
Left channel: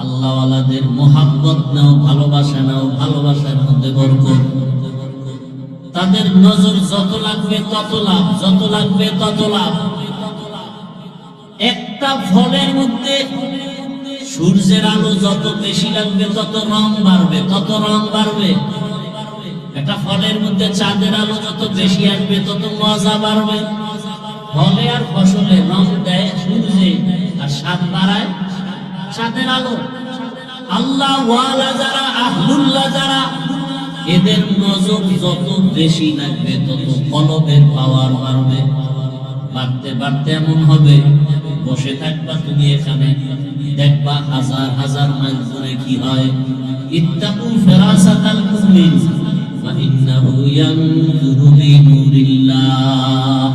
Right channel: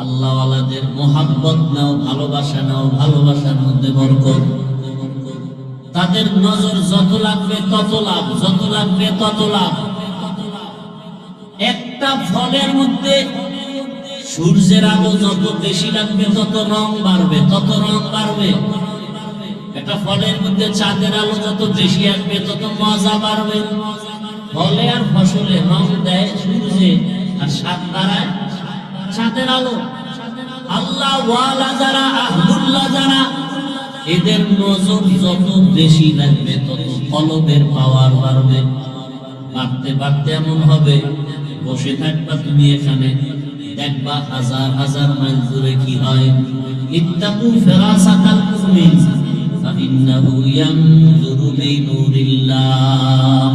আল্লাহওয়ালাদের মোহাব্বত নাও, ভালোবাসা নাও, ভালোবাসার মধ্যে বরকত। তাদের নজর যত লাগবে তত লাভ, যত লাগবে তত লাভ। একটা ফলের মধ্যে সূর্যের আলো যত বেশি লাগবে তত রং বাড়বে, তত রং বাড়বে। একটা ফলের মধ্যে চাঁদের আলো যত বেশি আসবে তত মজা বাড়বে। ফলে আর ফসলে রং দেয় সূর্যে, আর স্বাদ বাড়ায় চাঁদের আলো। আল্লাহ ওয়ালা যারা, আহলুল্লাহ যারা, এদের নজর যত বেশি লাগবে তত ফলবের পাওয়ার বাড়বে। বাড়তে বাড়তে এমন হবে, বসে থাকবা তুমি এখানে, দেখবা হাজার হাজার মাইল দূরে কি হয়। ইত্তাকু ফিরাসাতাল মুমিন ফাইন্নাহু ইয়ানজুরু বিনুরিল্লাহ।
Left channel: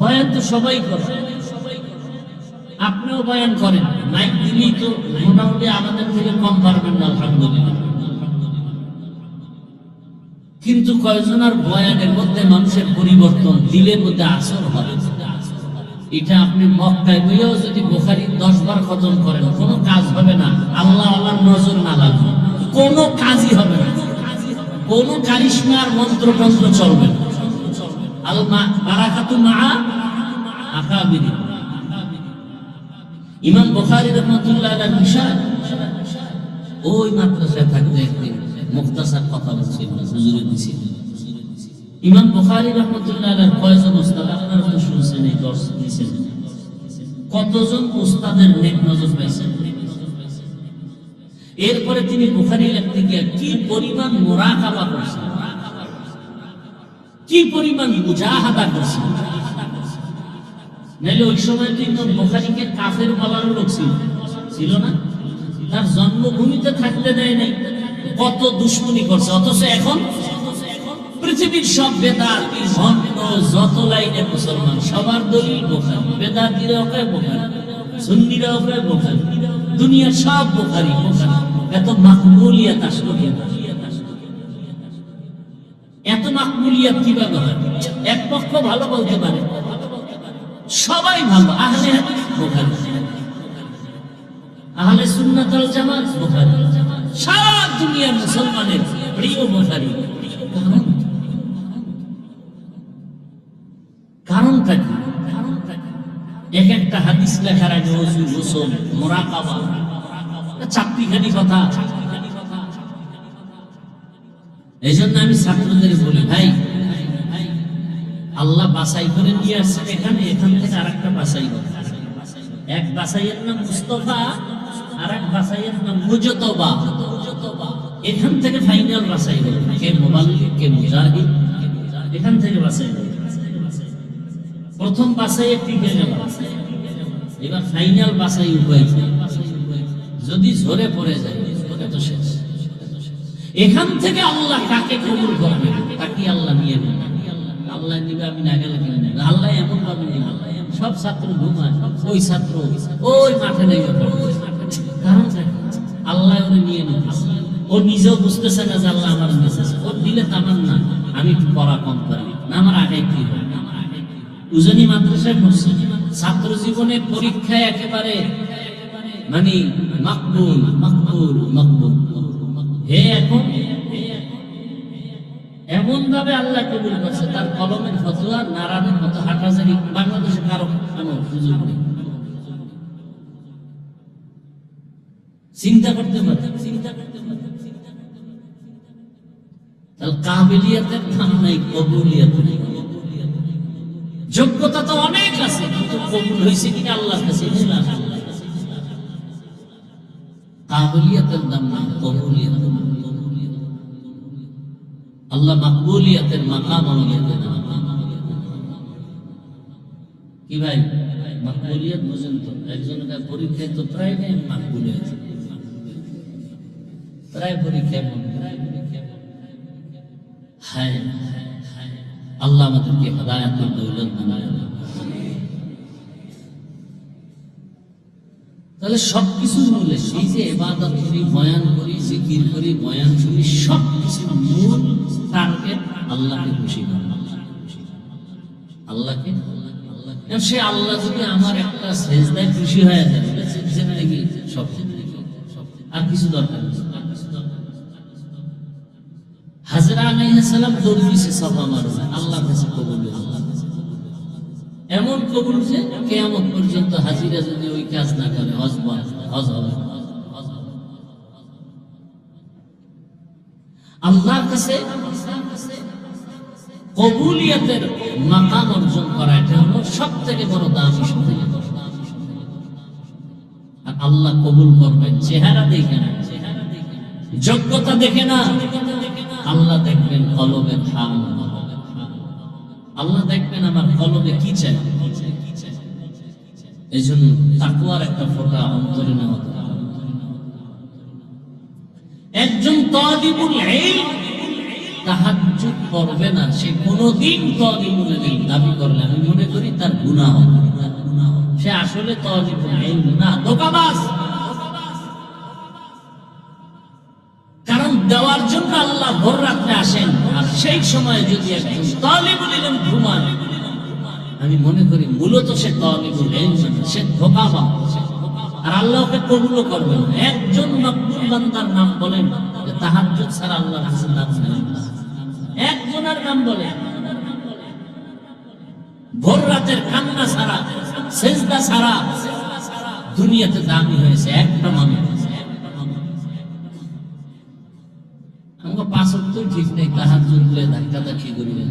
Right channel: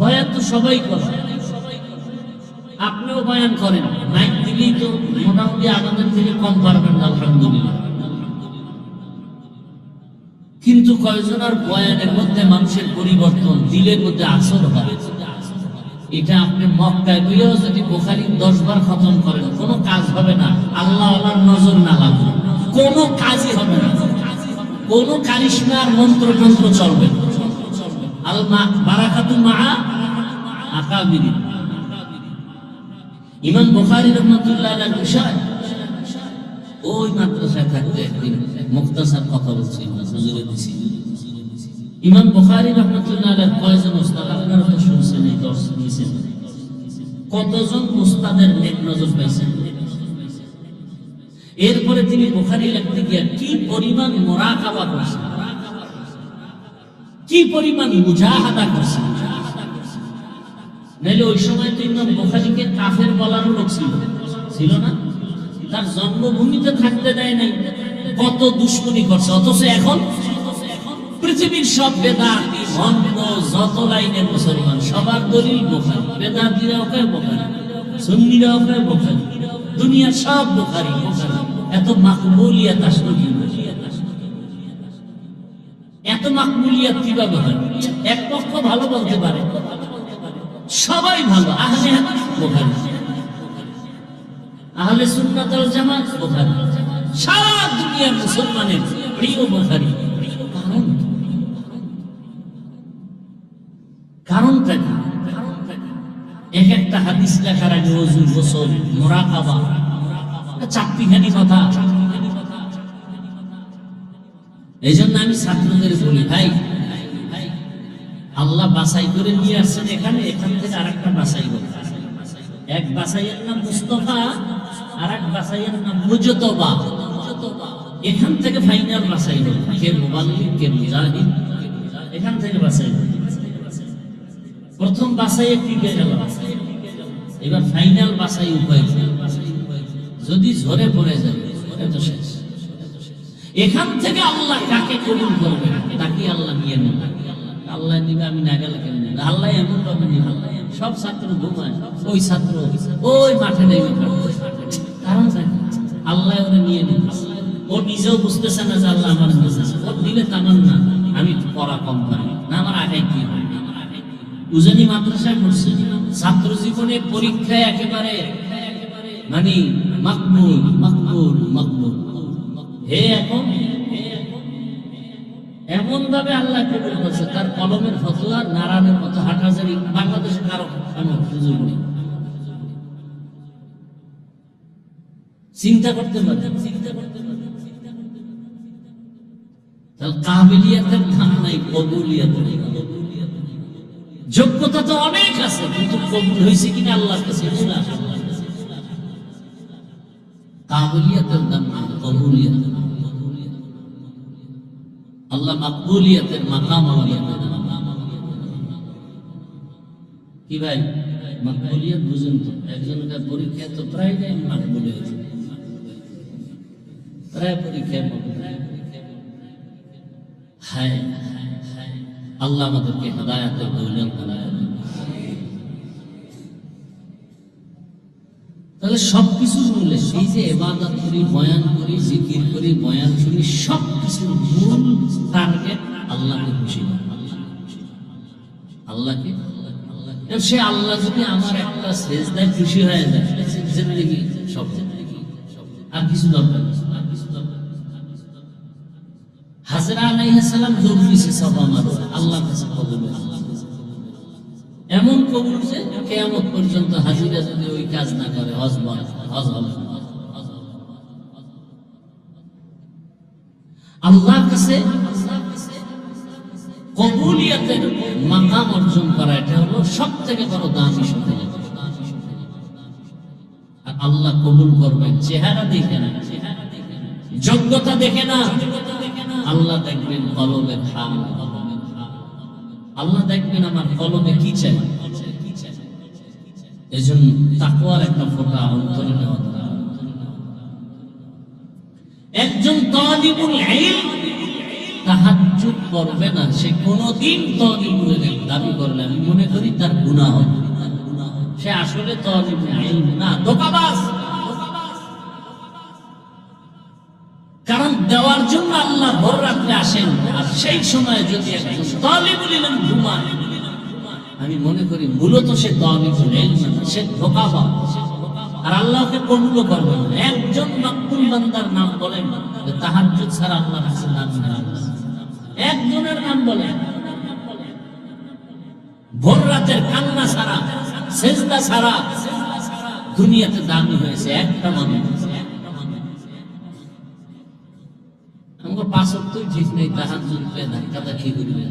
বয়ান তো সবাই করে, আপনিও বয়ান করেন, মাইক দিলেই তো মোটামুটি আমাদের থেকে কম পারবেন না, আলহামদুলিল্লাহ। কিন্তু কয়েকজনের বয়ানের মধ্যে মানুষের পরিবর্তন, দিলের মধ্যে আসর হয়। এটা আপনি মক্কায় গিয়েও যদি বুখারী 10 বার খতম করেন, কোনো কাজ হবে না, আল্লাহ আমার নজর না লাগবে। কোনো কাজই হবে না, কোনো কারিশমার মন্ত্র চলবে না। আল বারাকাতু মা আকাবির। ইমাম বুখারী রাহমাতুল্লাহ আলাইহি বিষয় ওই মাদ্রাসায় থাকতে একদিন মুখতাসার কথা বলছিল, হুজুরে দিছিল। ইমাম বুখারী রাহমাতুল্লাহ আলাইহি কয়জন উস্তাদ আপনারা শুনছেন, এই দর্শ দিয়েছেন, কতজন উস্তাদের নেক নজর পাইছেন। এরপরে তিনি বুখারী লিখতে গিয়ে কি পরিমাণ মুরাকাবা করছেন, কি পরিমাণ মুজাহাদা করছেন। নাইলে ওই সময় ইমাম বুখারীকে কাফের বলার লোক ছিল না, তার জন্মভূমিতে থাকতে দেয় নাই, কত দুশ্মনী করছে। অথচ এখন পৃথিবীর সব বেদাতি ভণ্ড যত লাইনের মুসলমান সবার দলিল বুখারী, বেদাতিরাও কয় বুখারী, সুন্নিরাও কয় বুখারী, দুনিয়ার সব বুখারী। এত মাকবুলিয়াত আসলো কিনা, এত মাকবুলিয়াত কিভাবে হয়? এক পক্ষ ভালো বলতে পারে, সবাই ভালো, আহলে হাদিস বুখারী, আহলে সুন্নাত ওয়াল জামাত বুখারী, সারা দুনিয়ার মুসলমানের প্রিয় বুখারী। কারণটা কি? এক একটা হাদিস লেখার আগে ওযু, গোসল, মুরাকাবা, চারটিখানি কথা। এই জন্য আমি ছাত্রদের বলি, ভাই আল্লাহ বাছাই করে নিয়ে আসছেন এখানে, এখান থেকে আরেকটা বাছাই করে। এক বাছাইয়ের নাম মুস্তাফা, আর এক বাছাইয়ের নাম মুজতবা। এখান থেকে ফাইনাল বাছাই করে, কে মুবাল্লিগ, কে মুজাহিদ, এখান থেকে বাছাই করে। প্রথম বাছাই টিকে গেল, এবার ফাইনাল বাছাই উপায়। যদি ঝরে পড়ে যায় তো শেষ। এখান থেকে আল্লাহ কাকে কবুল করবে তাকে আল্লাহ নিয়ে নেবে। আল্লাহ নিবে, আমি না গেলে কেন নেবে? আল্লাহ এমন ভাবে নিবে, সব ছাত্র ঘুমায়, ওই ছাত্র ওই মাঠে নেমে পড়ে। কারণ আল্লাহ ওরে নিয়ে নেবে। ও নিজেও বুঝতেছে না যে আল্লাহ আমার নিয়েছে। ওর দিলে তামান না আমি পড়া কম পারি না, আমার আগে কি হয়। উজানি মাদ্রাসায় পড়ছে, ছাত্র জীবনে পরীক্ষায় একেবারে মানে মাকবুল মাকবুল মাকবুল। হে এখন এমন ভাবে আল্লাহ কবুল করছে, তার কলমের ফতোয়া নারায়ণের মতো হাটাজারি বাংলাদেশে কারো কোনো সুযোগ নেই। চিন্তা করতে পারে, কাবিলিয়াতের নাম নাই, কবুলিয়াত। যোগ্যতা তো অনেক আছে, কিন্তু কবুল হয়েছে কিনা আল্লাহর কাছে। কাবিলিয়াতের নাম নাই, কবুলিয়াত। আল্লাহ মাকবুলিয়াতের মাকাম আমাদের কি ভাই? মাকবুলিয়াত বুঝেন তো? একজনের পরীক্ষায় তো প্রায় নেই মাকবুলিয়াত, প্রায় পরীক্ষা। হায় আল্লাহ আমাদেরকে হিদায়াতের দৌলত বানায়। তাহলে সবকিছু মূলে এই যে ইবাদত করি, বয়ান করি, জিকির করি, বয়ান শুনি, সবকিছুর মূল টার্গেট আল্লাহকে খুশি করা। আল্লাহকে, সে আল্লাহ যদি আমার একটা সেজদায় খুশি হয়ে যায়, জিন্দেগি সব, আর কিছু দরকার নেই। হাজরা আলাইহিস সালাম দৌড় দিয়েছে সাফা মারওয়া, আল্লাহর কাছে কবুল হয়েছে। এমন কবুল যে কিয়ামত পর্যন্ত হাজিরা যদি ওই কাজ না করে হজ হবে। আল্লাহর কাছে কবুলিয়তের মাকাম অর্জন করা, এটা হলো সবথেকে বড় দামি সম্পদ। আর আল্লাহ কবুল করবেন চেহারা দেখে না, যোগ্যতা দেখে না, আল্লাহ দেখবেন কলমের হাল। আল্লাহ দেখবেন আমার কলমে কি চাই। এই জন্য তাকওয়ার একটা ফোঁটা অন্তরে নেওয়া দরকার। একজন তালিবুল ইলম তাহাজ্জুদ করবে না, সে কোনদিন তালিবুল ইলম দাবি করলে আমি মনে করি তার গুনাহ হবে। সে আসলে তালিবুল ইলম না, ধোঁকাবাজ। কারণ দেওয়ার জন্য আল্লাহ ভোর রাত্রে আসেন, আর সেই সময় যদি তালিবুল ইলম ঘুমায়, আমি মনে করি মূলত সে তালিবুল ইলম না, সে ধোঁকাবাজ। আর আল্লাহকে কবুল করবে না। একজন মকবুল বান্দার নাম বলেন থাকবে, তাহাজ্জুদ ছাড়া আল্লাহর কাছে নাম ছাড়া একজনের নাম বলে, ভোর রাতের কান্না ছাড়া, সেজদা ছাড়া দুনিয়াতে দামি হয়েছে একটা মানুষ। আমাকে 5 ওয়াক্ত ঠিক নেই, তাহাজ্জুদ দিলে ধাক্কাধাক্কি করবে।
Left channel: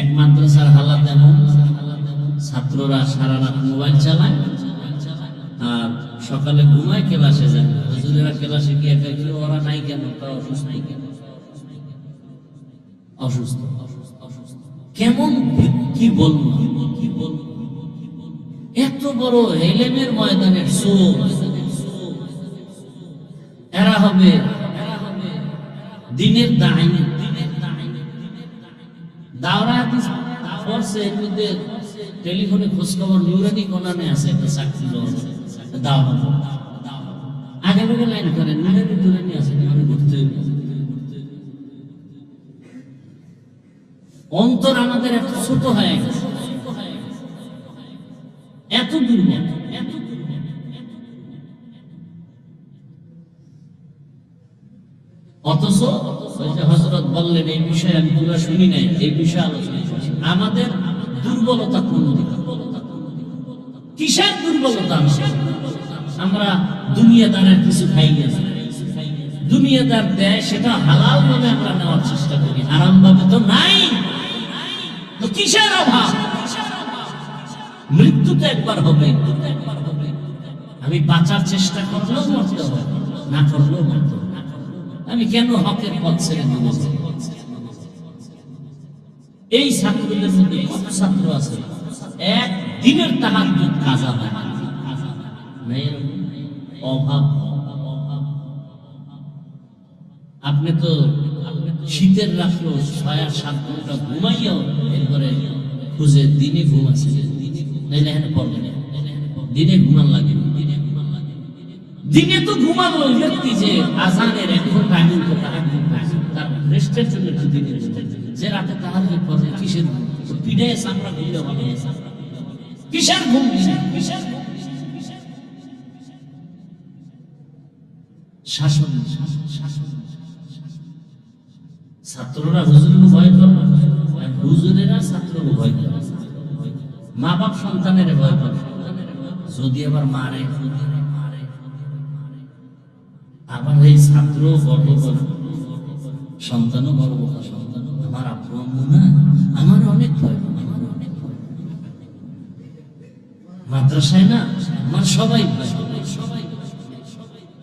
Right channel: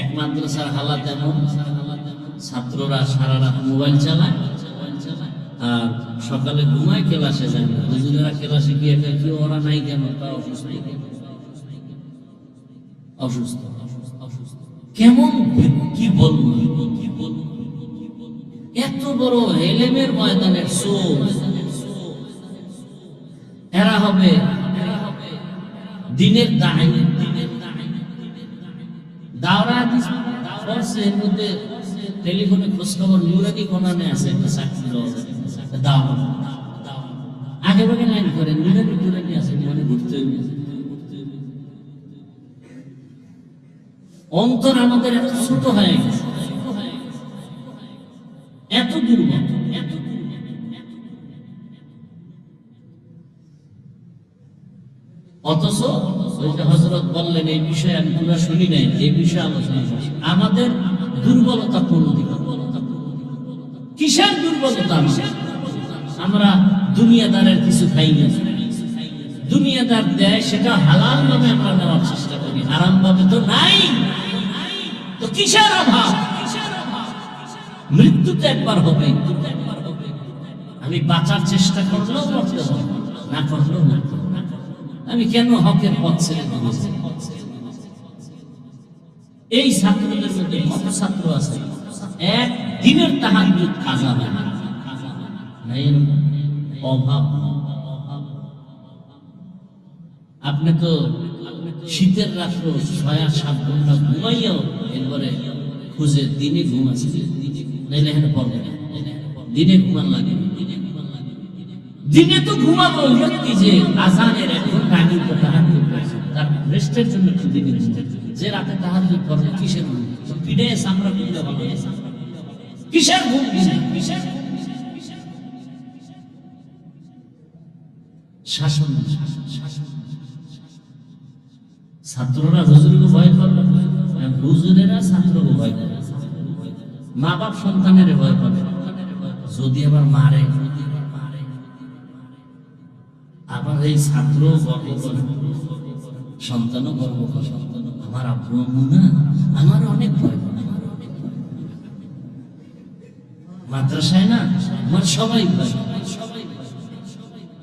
এক মাদ্রাসার হালাত এমন, ছাত্ররা সারা রাত মোবাইল চালায় আর সকালে ঘুমায়, ক্লাসে যায় না। হুজুরেরা ক্লাসে গিয়ে কেউ ওরা নাই কেন, অসুস্থ কেমন, কি বলবো, এত বড় হেলেমের ময়দানের সোল এরা হবে দিনের দায়। টেলিফোনে খোঁজখবর নুরানি কোনানে আছে একটা চাকরির আগে ভাগে লাইন করে নুরানি আছে, ঘুরতে অন্তর আমাদের এত ছোট হয়ে গেছে, এত দুর্বল। অথচ হযরত বললেন এই বিষয়ে আমি পুরো শুনি নাই, এই বিষয়ে আলোচনা করছি। আমাদের দুর্বলতা কোন দিকে, কিসের দুর্বলতা? আমরা দুনিয়াদারের কিছু খাই না, দুনিয়াদার দেয় সেটা হালাল ভাবে আমরা নেওয়ার চেষ্টা করি, আরাম ভাবে তো নাই। তো কিসের অভাব? মৃত্যু তো একবার হবে, আমি বাঁচার চেষ্টা করলেও মরতে হবে, না করলেও মরতে হবে। আমি কেন হকের পথ ছেড়ে দেব? এই ছাত্রদের মধ্যে কত ছাত্র আছে এক দিনের তাহাজ্জুদ কাজা না, অভাব। আপনি তো শীতের রাত্র 6-7 ঘন্টা ঘুমাইয়াও এরপরে খুঁজে দিনে ঘুম আছে, দিনে ঘুমান লাগে। দিনে তো ঘুমানো ব্যক্তি যে আজানের 1 ঘন্টা আগে তো তাহাজ্জুদ করেছে, তার রেস্টের জন্য দিনে যে রাতে তাহাজ্জুদ করে, কিসের পিঠে চামড়া পিঠে বলে, কিসের ঘুম? শাসন। ছাত্ররা হুজুরকে ভয় করে, হুজুরেরা ছাত্রকে ভয় করে, মা বাপ সন্তানের ভয় করে। যদি আবার মারে, আবার এই ছাত্র গর্ব করে, সন্তানও গর্ব করে, আমার আব্বু আম্মু না, আমার অনেক ভয়, মাদ্রাসায় না আমার সবাই ভয়।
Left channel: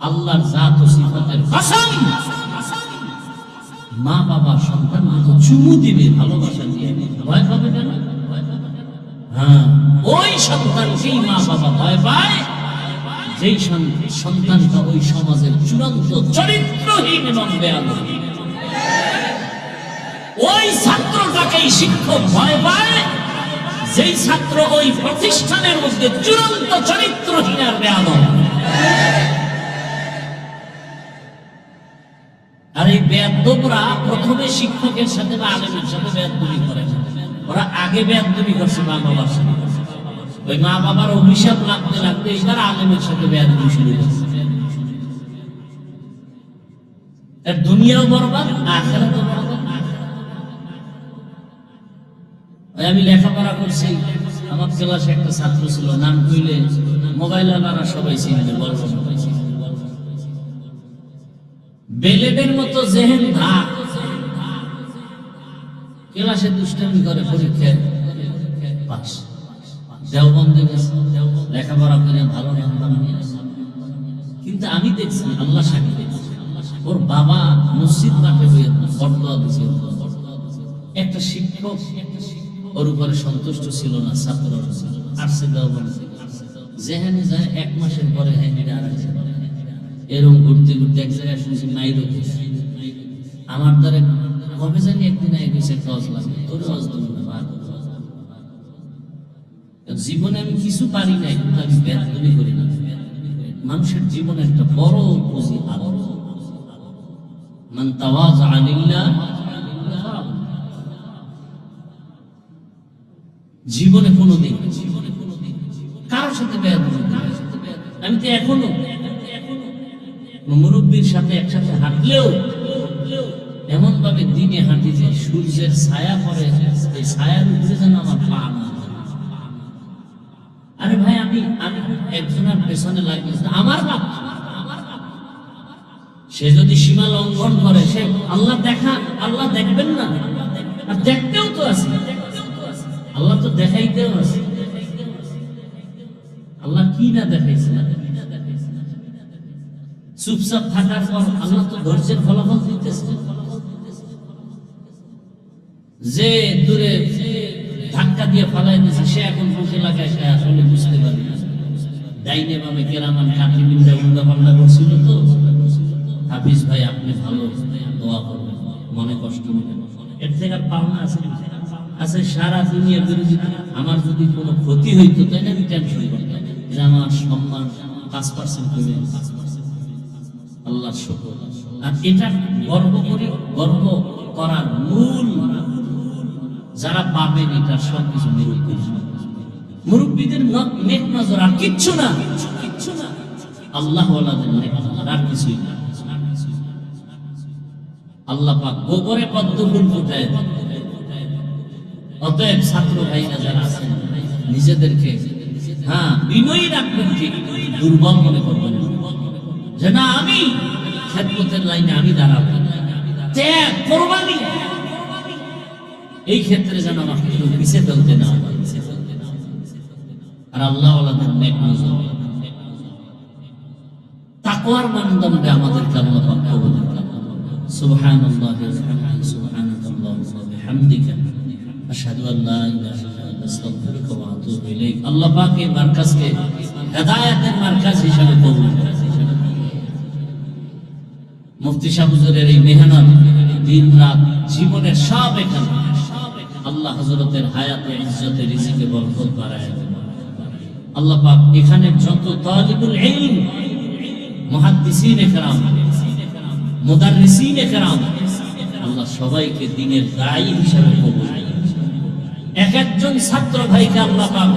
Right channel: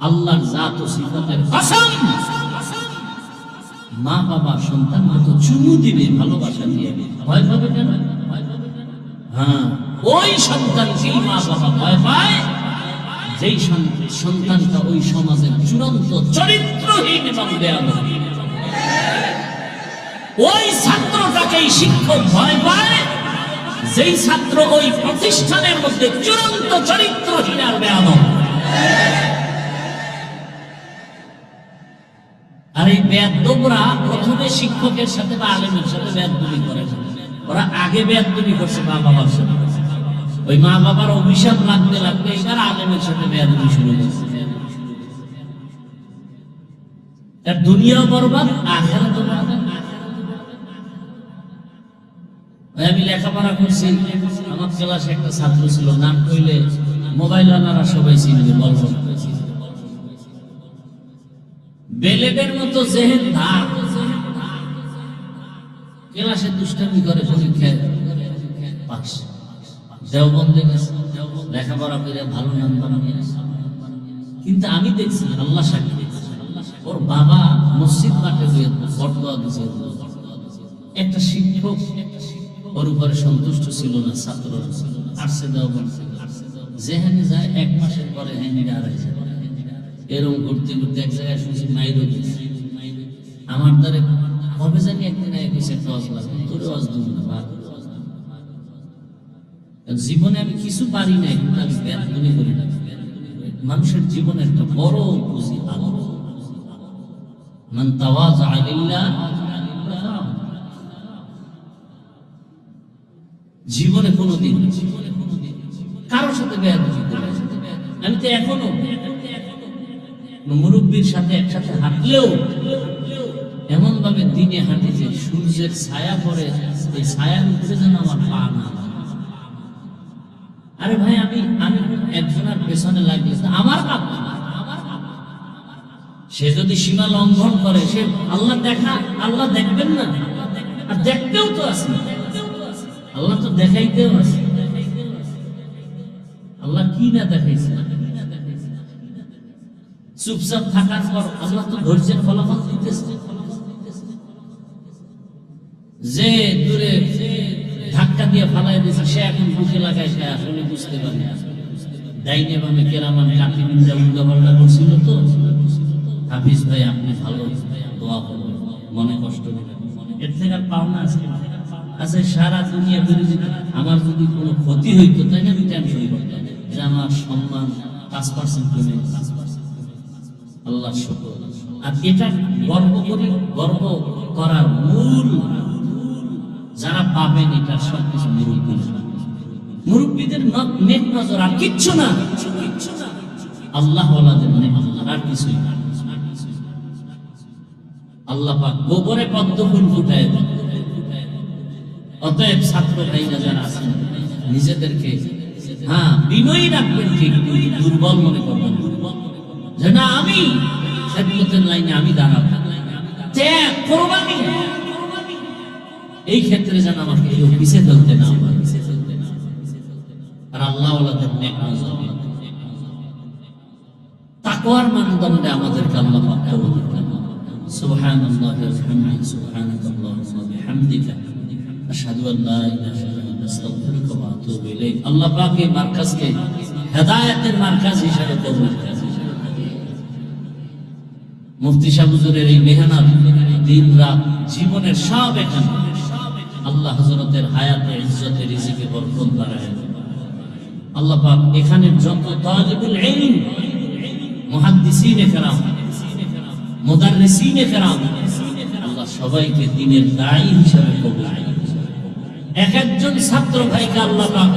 আল্লাহর জাত ও সিফাতের কসম, মা বাবা সন্তানকে চুমু দিবে ভালোবাসা দিয়ে, ভয় পাবে কেন? হ্যাঁ, ওই সন্তানকেই মা বাবা ভয় পায় যেই সন্তানটা ওই সমাজের চূড়ান্ত চরিত্রহীন এবং বেয়াদবী। ওই ছাত্রটাকেই শিক্ষক ভয় পায় যেই ছাত্র ওই প্রতিষ্ঠানের মধ্যে চূড়ান্ত চরিত্রহীন আর বেয়াদব। আর এই বেয়াদবরা প্রথমে শিক্ষকের সাথে বা আলেমের সাথে বেয়াদবি করে, ওরা আগে বেয়াদবি করছে মা বাবার সাথে, ওই মা বাবার অভিশাপ লাগতে লাগতে এবার আলেমের সাথে বেয়াদবি শুরু হয়েছে। এর দুনিয়াও বরবাদ, আখিরাতও বরবাদ। আমি লেখাপড়া করছি, আমার ক্লাসে একটা ছাত্র ছিল, নাম কইলে মোবাইল ওনারা সবাই চিনবে, গল্প বেলেদের মতো জেহেন ভাব, ক্লাসে দুষ্টামি করে, পরীক্ষায় পাস, দেওবন্দে গেছে, লেখাপড়া করে ভালো নাম্বার নিয়েছে। কিন্তু আমি দেখছি, আল্লাহ সাক্ষী, ওর বাবা মসজিদ মাঠে হয়ে ফতোয়া দিয়েছে। একটা শিক্ষক ওর উপরে সন্তুষ্ট ছিল না, ছাত্র আসছে দেওবন্দ, যেখানে যায় 1 মাসের পরে এরকম ঘুরতে ঘুরতে এক জায়গায় শুনছি মাইরো দিয়েছে। আমার দ্বারে কবে জানি একদিন তোরে ওয়াজ দেবো না, জীবনে আমি কিছু পারি না, কিন্তু আমি বেয়াদবি করি না। মানুষের জীবনে একটা বড় পুঁজি আল্লাহ, মান তাওয়াযা লিল্লাহ, জীবনে কোনোদিন কারোর সাথে বেয়াদবি করি। আমি তো এখনো মুরব্বীর সাথে একসাথে হাঁটলেও এমন ভাবে দিনে হাঁটি যে সূর্যের ছায়া পড়ে, এই ছায়ার উপরে যেন আমার পা না। আরে ভাই, আমি একজনের পেছনে লাগিয়েছি, আমার বাপ, সে যদি সীমা লঙ্ঘন করে, সে আল্লাহ দেখবেন না? আর দেখতেও তো আছে, আল্লাহ তো দেখাইতেও আছে। আল্লাহ কি না দেখাইছে? চুপচাপ থাকার পর আল্লাহ তো ধৈর্যের ফলাফল দিতেছে। যে দূরে ধাক্কা দিয়ে ফালাই দিয়েছে, সে এখন বুকে লাগায়, সে আসলে বুঝতে পারে ডাইনে বামে কেরামান কাটিবিন যেমন দখলটা করছিল। তো হাফিজ ভাই, আপনি ভালো দোয়া করবেন, মনে কষ্ট নেই, এর থেকে আর পাওনা আছে? আচ্ছা, সারা দুনিয়া আমার যদি কোনো ক্ষতি হইতো, তাই না? আমি ট্যাক্স হইত, এটা আমার সম্মান 5% কমে। আল্লাহ শুকর। আর এটা গর্ব করার মূল যারা পাবেন, এটা সবকিছু মুরব্বীদের নেক নজর, আর কিচ্ছু না, আল্লাহ ওয়ালাদের নেক নজর, আর কিছুই না। আল্লাহ পাক গোবরে পদ্ম ফুল ফুটায় দেন। অতএব ছাত্র ভাইরা যারা আছেন, নিজেদেরকে বিনয়ী রাখবেন, ঠিক দুর্বল মনে করবেন যে না, আমি খেদমতের লাইনে আমি দাঁড়াবো, ত্যাগ কোরবানি, এই ক্ষেত্রে যেন আমাকে কেউ পিছিয়ে ফেলতে না পারে। আর আল্লাহ ওয়ালাদের নেক নজর, তাকওয়ার মানদণ্ডে আমাদেরকে আল্লাহ পাক কবুল করেন। সুবহানাল্লাহি ওয়া বিহামদিহি, সুবহানাকাল্লাহুম্মা ওয়া বিহামদিকা, আশহাদু আল লা ইলাহা ইল্লা আনতা, আস্তাগফিরুকা ওয়া আতুবু ইলাইক। আল্লাহ পাক এই মারকাজকে হেদায়েতের মারকাজ হিসেবে কবুল করেন। মুফতি সাহেব হুজুরের এই মেহনত, দিন রাত, জীবনের সব এখানে আল্লাহ হযরতের হায়াতে, ইজ্জতে, রিজিকে বরকত বাড়ায়। আল্লাহ পাক এখানে যত তালিবুল ইলম, মুহাদ্দিসিনে কেরাম, মুদাররিসিনে কেরাম, আল্লাহ সবাইকে দ্বীনের দায়ী হিসেবে কবুল করেন। এক একজন ছাত্র ভাইকে আল্লাহ পাক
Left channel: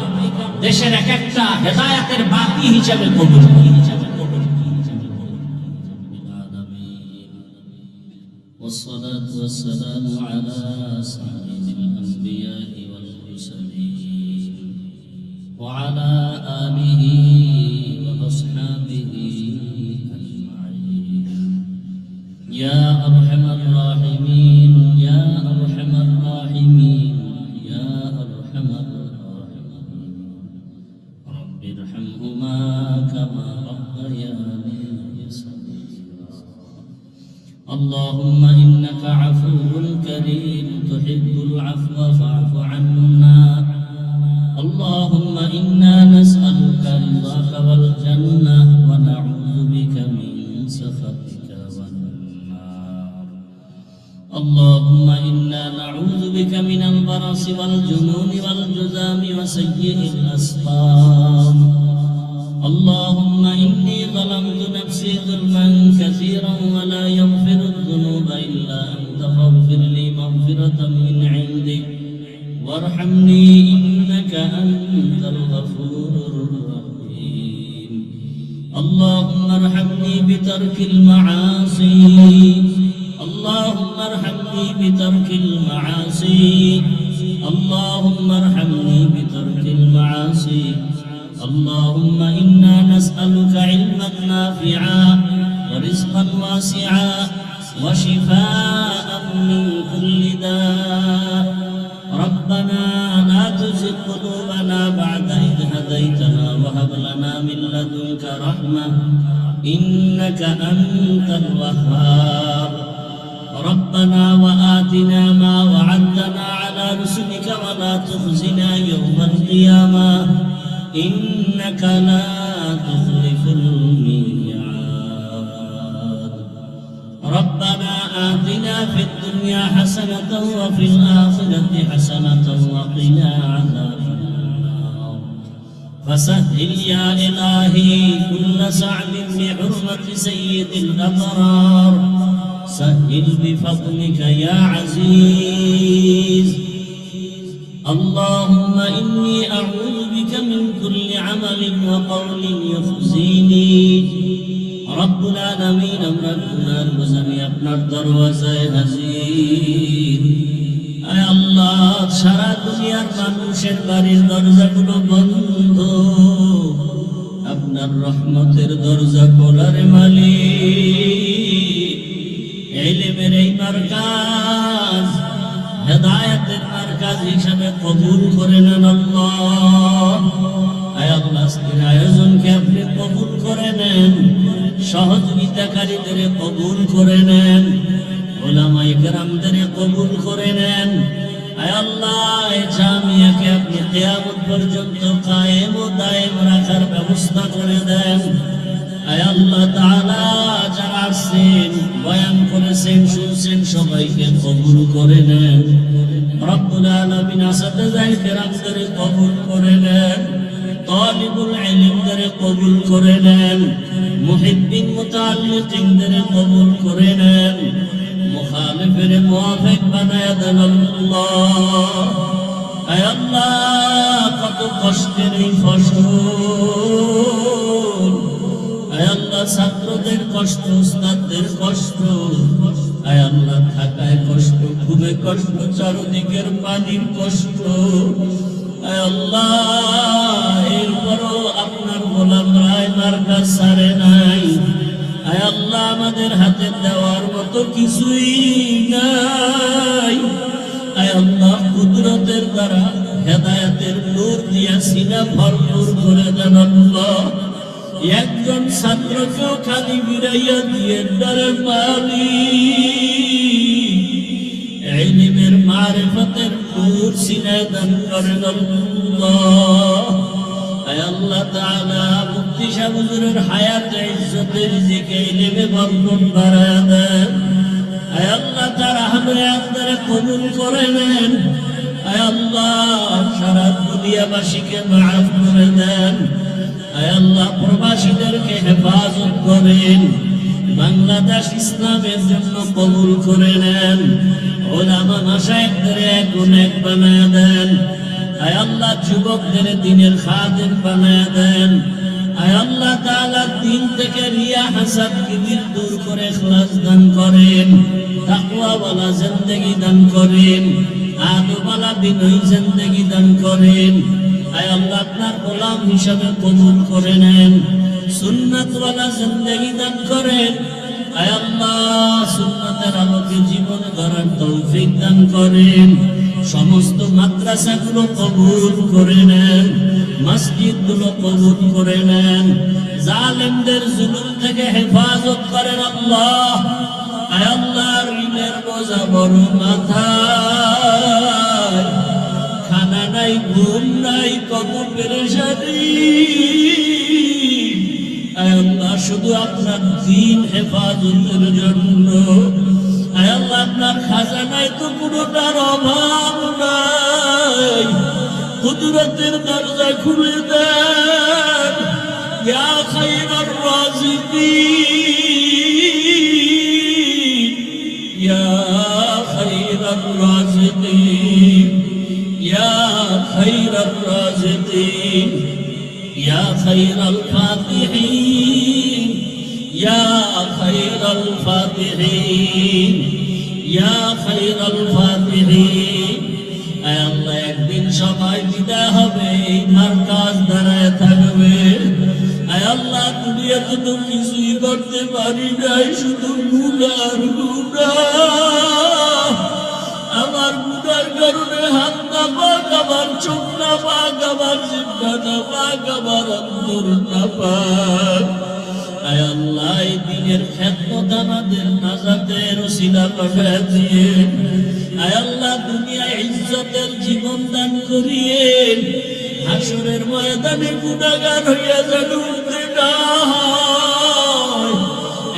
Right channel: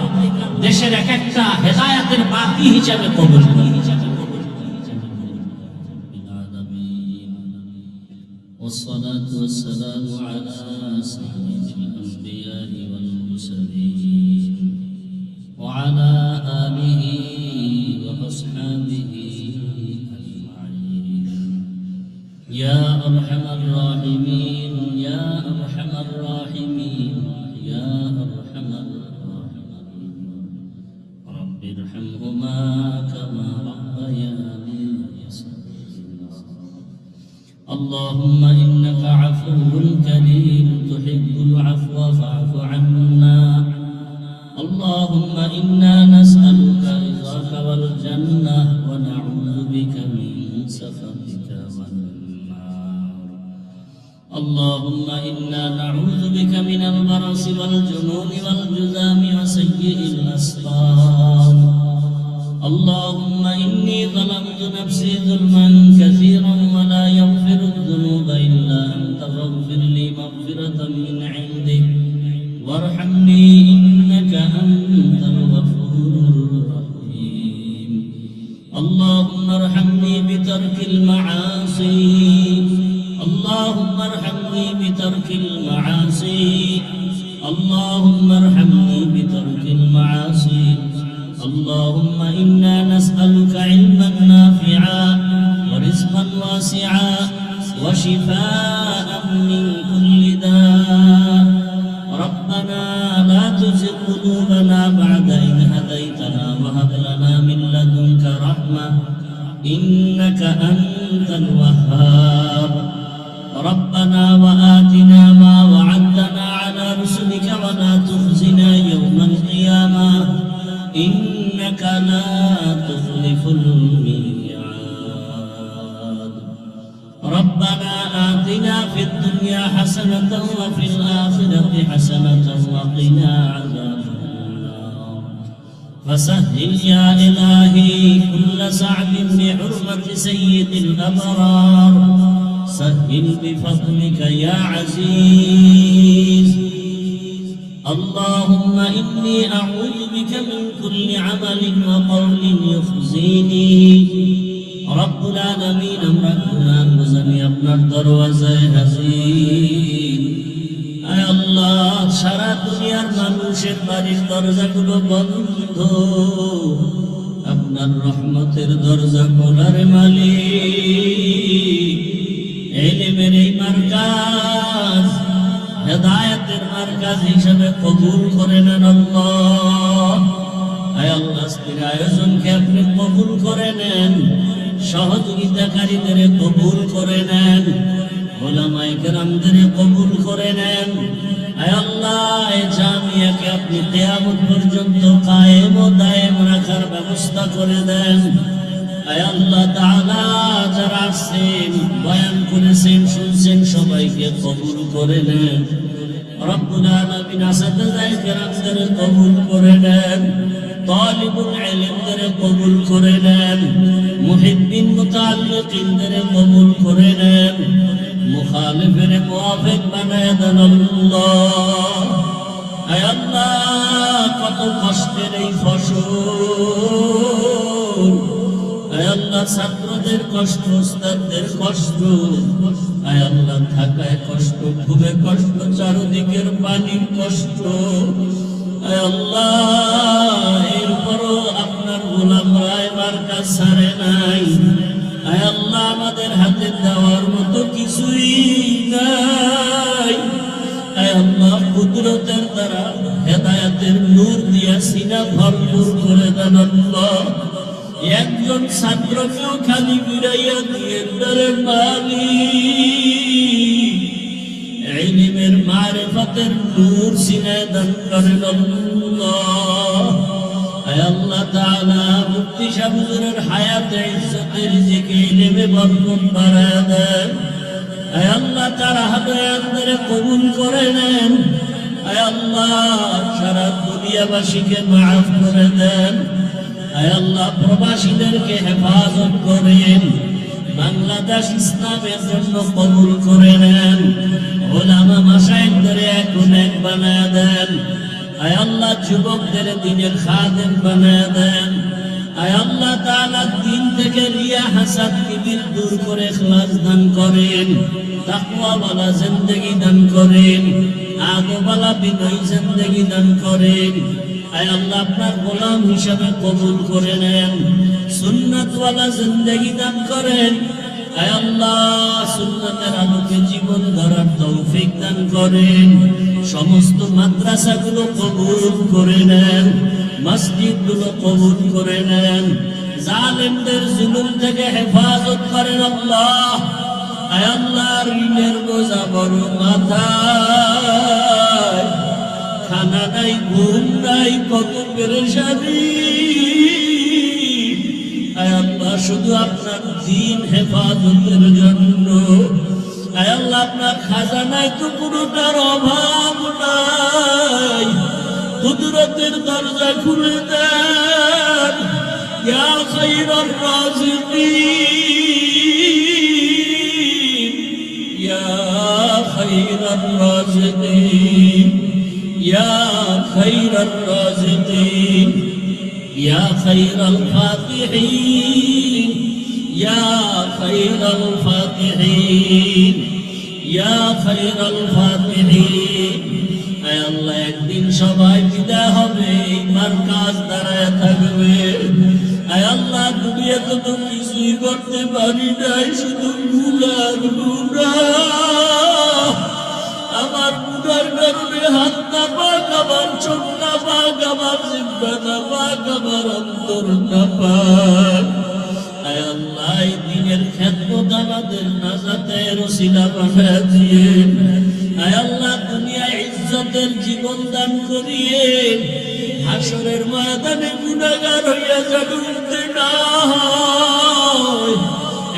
দেশের এক একটা হেদায়েতের বাতি হিসেবে কবুল করেন। والصلاة والسلام على سيد الأنبياء والمرسلين وعلى آله وأصحابه أجمعين. يا أرحم الراحمين، يا أرحم الراحمين، يا أرحم الراحمين. رب ارحمهما كما ربياني صغيرا. اللهم إنك عفو كريم تحب العفو فاعف عنا. اللهم إنا نسألك رضاك والجنة ونعوذ بك من سخطك والنار. اللهم إنا نعوذ بك من البرص والجنون والجذام وسيء الأسقام. اللهم إني ظلمت نفسي ظلما كثيرا ولا يغفر الذنوب إلا أنت فاغفر لي مغفرة من عندك وارحمني إنك أنت الغفور الرحيم. اللهم ارحمني بترك المعاصي، اللهم ارحمني بترك المعاصي، اللهم ارحمني بترك المعاصي. اللهم إنا نسألك علما نافعا ورزقا واسعا وشفاء من كل داء. ربنا لا تزغ قلوبنا بعد إذ هديتنا وهب لنا من لدنك رحمة إنك أنت الوهاب. ربنا وآتنا ما وعدتنا على رسلك ولا تخزنا يوم القيامة إنك لا تخلف الميعاد. ربنا آتنا في الدنيا حسنة وفي الآخرة حسنة وقنا عذاب النار. فسهل يا إلهي كل صعب في حرمة سيد الأبرار. سهل بفضلك يا عزيز. اللهم إني أعوذ بك من كل عمل وقول يخزيني. রব্বুল আলামিন আমরা গুনার বোঝা নিয়ে আপনার দরওয়াজায় হাজির। আয় আল্লাহ, সারা দুনিয়ার মানুষের বাড়ির দরজাগুলো বন্ধ, আপনার রহমতের দরজা খোলার মালিক। ইলমের এই মার্কাজ হেদায়েতের মার্কাজ হিসেবে কবুল করে নেন আল্লাহ। আয় আল্লাহ, আজকের আয়োজনকে আপনি কবুল করে নেন, সহযোগিতাকারীদের কবুল করে নেন, ওলামায়ে কেরামদের কবুল করে নেন। আয় আল্লাহ, এই জামিয়াকে আপনি কিয়ামত পর্যন্ত কায়েম ও দায়েম রাখার ব্যবস্থা করে দেন। আয় আল্লাহ তাআলা, যারা আসছেন, বয়ান করেছেন, শুনছেন, সবাইকে কবুল করে নেন। রব্বুল আলামিন আসাতিজায়ে কেরামদের কবুল করে নেন, তালিবুল ইলমদের কবুল করে নেন, মুহিব্বিন মুতাআল্লিকিনদের কবুল করে নেন, মুখালিফের মুওয়াফিক বানায় দেন আল্লাহ। আয় আল্লাহ, কত কষ্টের এই ফসল, আয় আল্লাহ, ছাত্রদের কষ্ট, উস্তাদদের কষ্ট, আয় আল্লাহ, থাকায় কষ্ট, ঘুমে কষ্ট, চারদিকের পানির কষ্ট, আয় আল্লাহ, এরপরও আপনার গোলামরা এবার কাজ ছাড়ে নাই। আয় আল্লাহ, আমাদের হাতে দেওয়ার মতো কিছুই নাই। আয় আল্লাহ, কুদরতের দ্বারা হেদায়েতের নূর দিয়া সিনা ভরপুর করে দেন আল্লাহ। একজন ছাত্রকেও খালি বিরাইয়া দিয়ে দরে মালিক, ইলমের মারিফতের নূর সিনায় দান করেন আল্লাহ। আয় আল্লাহ তাআলা, মুফতি সাহেব হুজুরের হায়াতে ইজ্জতে রিজিকে ইলমে বরকত বাড়ায় দেন। আয় আল্লাহ, তার হায়াতকে কবুল করে নেন। আয় আল্লাহ, সারা দুনিয়াবাসীকে মাফ করে দেন। আয় আল্লাহ, প্রবাসীদেরকে হেফাজত করেন, বাংলাদেশ ইসলামের জন্য কবুল করে নেন, ওলামা মাশায়েখদের গুণ এক বানায় দেন। আয় আল্লাহ, যুবকদের দ্বীনের খাদেম বানায় দেন। আয় আল্লাহ তাআলা, দ্বীন থেকে রিয়া হাসাদ কিবির দূর করে ইখলাস দান করেন, তাকওয়াওয়ালা জিন্দেগি দান করেন, আদবওয়ালা বিনয়ী জিন্দেগি দান করেন। আয় আল্লাহ, আপনার গোলাম হিসাবে কবুল করে নেন, সুন্নাতওয়ালা জিন্দেগি দান করেন। আয় আল্লাহ, সুন্নাতের আলোকে জীবন গড়ার তৌফিক দান করেন। সমস্ত মাদ্রাসাগুলো কবুল করে নেন, মসজিদগুলো কবুল করে নেন, জালেমদের জুলুম থেকে হেফাজত করেন আল্লাহ। আয় আল্লাহ, ঋণের বোঝা বড় মাথায়, খানা নাই, ঘুম নাই, কত পেরেশানি। আয় আল্লাহ, শুধু আপনার দ্বীন হেফাজতের জন্য। আয় আল্লাহ, আপনার খাজানায় তো কোনোটার অভাব নাই, কুদরতের দরজা খুলে দেন। ইয়া খায়রার রাযিকিন, ইয়া খায়রার রাযিকিন, ইয়া খায়রার রাযিকিন, ইয়া খায়রাল ফাতিহিন, ইয়া খায়রাল ফাতিহিন, ইয়া খায়রাল ফাতিহিন। আয় আল্লাহ, একদিন সবাই বিদায় হবে, এই মার্কাজ দাঁড়ায় থাকবে। আয় আল্লাহ, দুনিয়াতে তো কিছুই করতে পারি নাই, শুধু গুনার গুনাহ। আমার গুনার কারণে হাত না পাক, আমার চোখ না পাক, আমার জিহ্বা না পাক, আমার অন্তর না পাক। আয় আল্লাহ, এই দিনের খেদমত আমাদের নাজাতের ওসিলা বানায় দিয়ে। আয় আল্লাহ, দুনিয়ায় ইজ্জতের জীবন দান করিয়ে, হাসরের ময়দানে গুনাহগার হইয়া যেন উঠতে না হয়।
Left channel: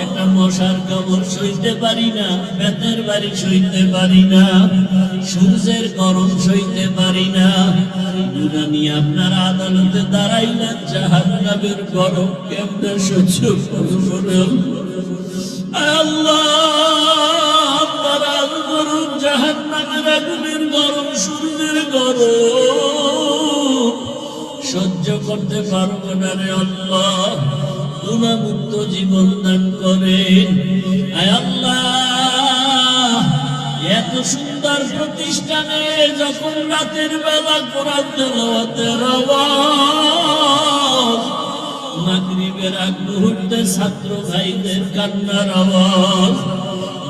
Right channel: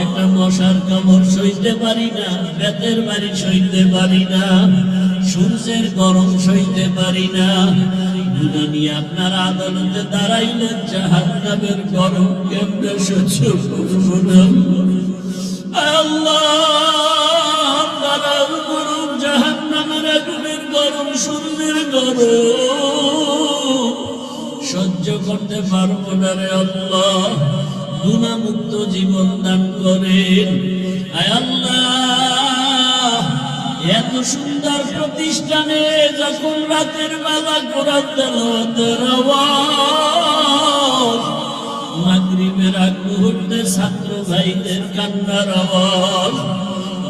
একটা মশার কামড় সইতে পারি না, বেতের বাড়ি সইতে পারি না, সূর্যের গরম সইতে পারি না। গুনাহ নিয়ে আপনার আদালতে দাঁড়াইলেন, জাহান্নামের গরম কেমনে সহ্য করব না। আয় আল্লাহ, আপনার গরম, জাহান্নামের আগুনের গরম, সূর্যের গরম সহ্য করতে পারবো না রে আল্লাহ। গুনাহমুক্ত জীবন দান করেন। আয় আল্লাহ, এত সুন্দর প্রতিষ্ঠানে যখন রাতের বেলা কোরআন তেলাওয়াতের আওয়াজ, মাগরিবের আগ মুহূর্তে ছাত্র ভাইদের কান্নার আওয়াজ,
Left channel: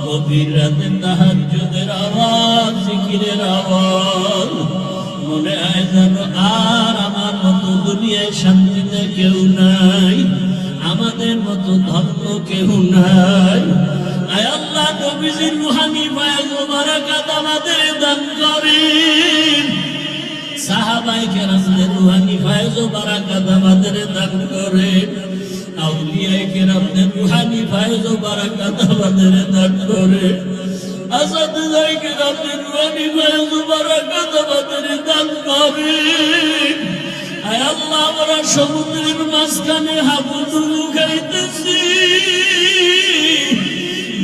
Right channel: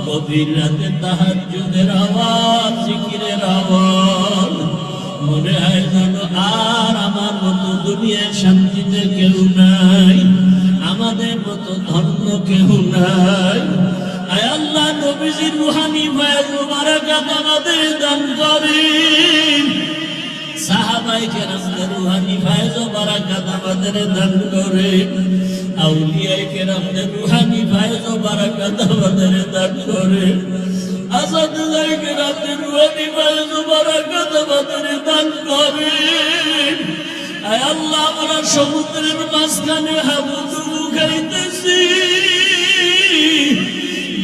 গভীর রাতে তাহাজ্জুদের আওয়াজ, জিকিরের আওয়াজ, মনে হয় যেন আর আমার মতো দুনিয়ার শান্তিতে কেউ নাই, আমাদের মতো ধন্য কেউ নাই। আয় আল্লাহ, নবীজির রূহানি ফয়েজ ও বারাকাত আমাদের দান করেন। সাহাবায়ে কেরামদের রূহানি ফয়েজ ও বারাকাত আমাদের দান করেন। আউলিয়ায়ে কেরামদের রূহানি ফয়েজ ও বারাকাত আমাদের দান করেন। আসাদুল্লাহ কেরামদের রূহানি ফয়েজ ও বারাকাত আমাদের দান করেন। আয় আল্লাহ, আমরা সমুদ্রের মাঝখানে হাবুডুবু খাইতেছি,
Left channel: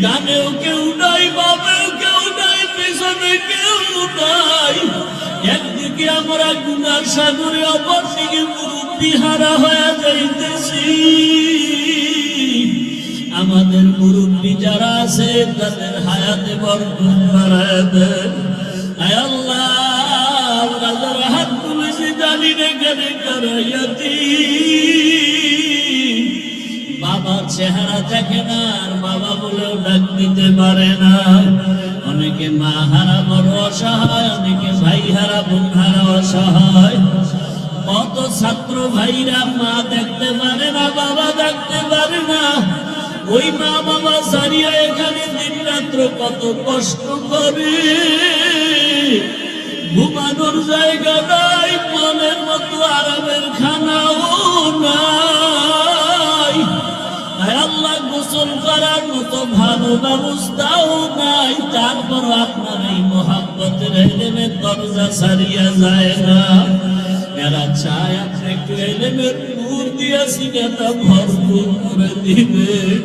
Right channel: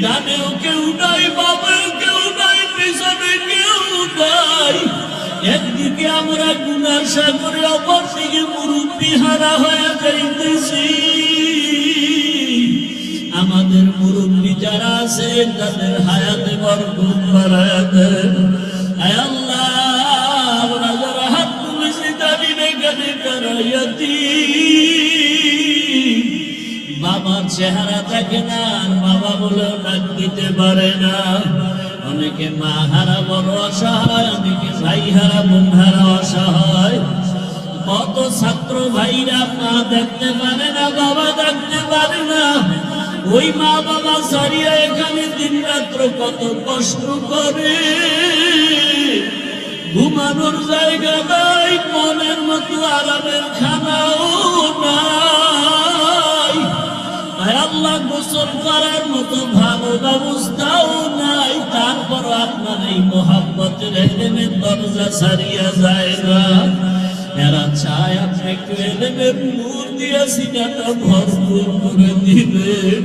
ডানেও কেউ নাই, বামেও কেউ নাই, পেছনে কেউ নাই। একদিকে আমরা গুনার সাগরে, অপরদিকে মুরব্বি হারা হয়ে যাইতেছি। আমাদের মুরব্বি যারা আছে তাদের হায়াতে বরকত বাড়ায় দেন। আয় আল্লাহ, আমরা যারা হাত তুলেছি জানি না গাড়ি দাঁড়াইয়াছি, বাবার চেহারা দেখে না, আর বাবা বলেও ডাক দিতে পারে না। অনেকে মা হারা বড় অসহায়, অনেকে ভাই হারা বোন হারা অসহায়। কত ছাত্র ভাইরা মা দেখতে পারে না, বাবা দেখতে পারে না। ওই মা বাবা সারিয়া এখানে দিন রাত্র কত কষ্ট করে, ঘুমানোর জায়গা নাই, মনের মতো আরামের খানাও নাই। আল্লাহ, গোসল করার মতো ভালো ব্যবস্থাও নাই। তারপর আপনার এই মোহাম্মতের ইলমের দরজা ছাড়িয়া যায় না। এরা চায় আপনি একটু ইলমের নূর দিয়া সিনাটা ভরপুর করে দিবেন।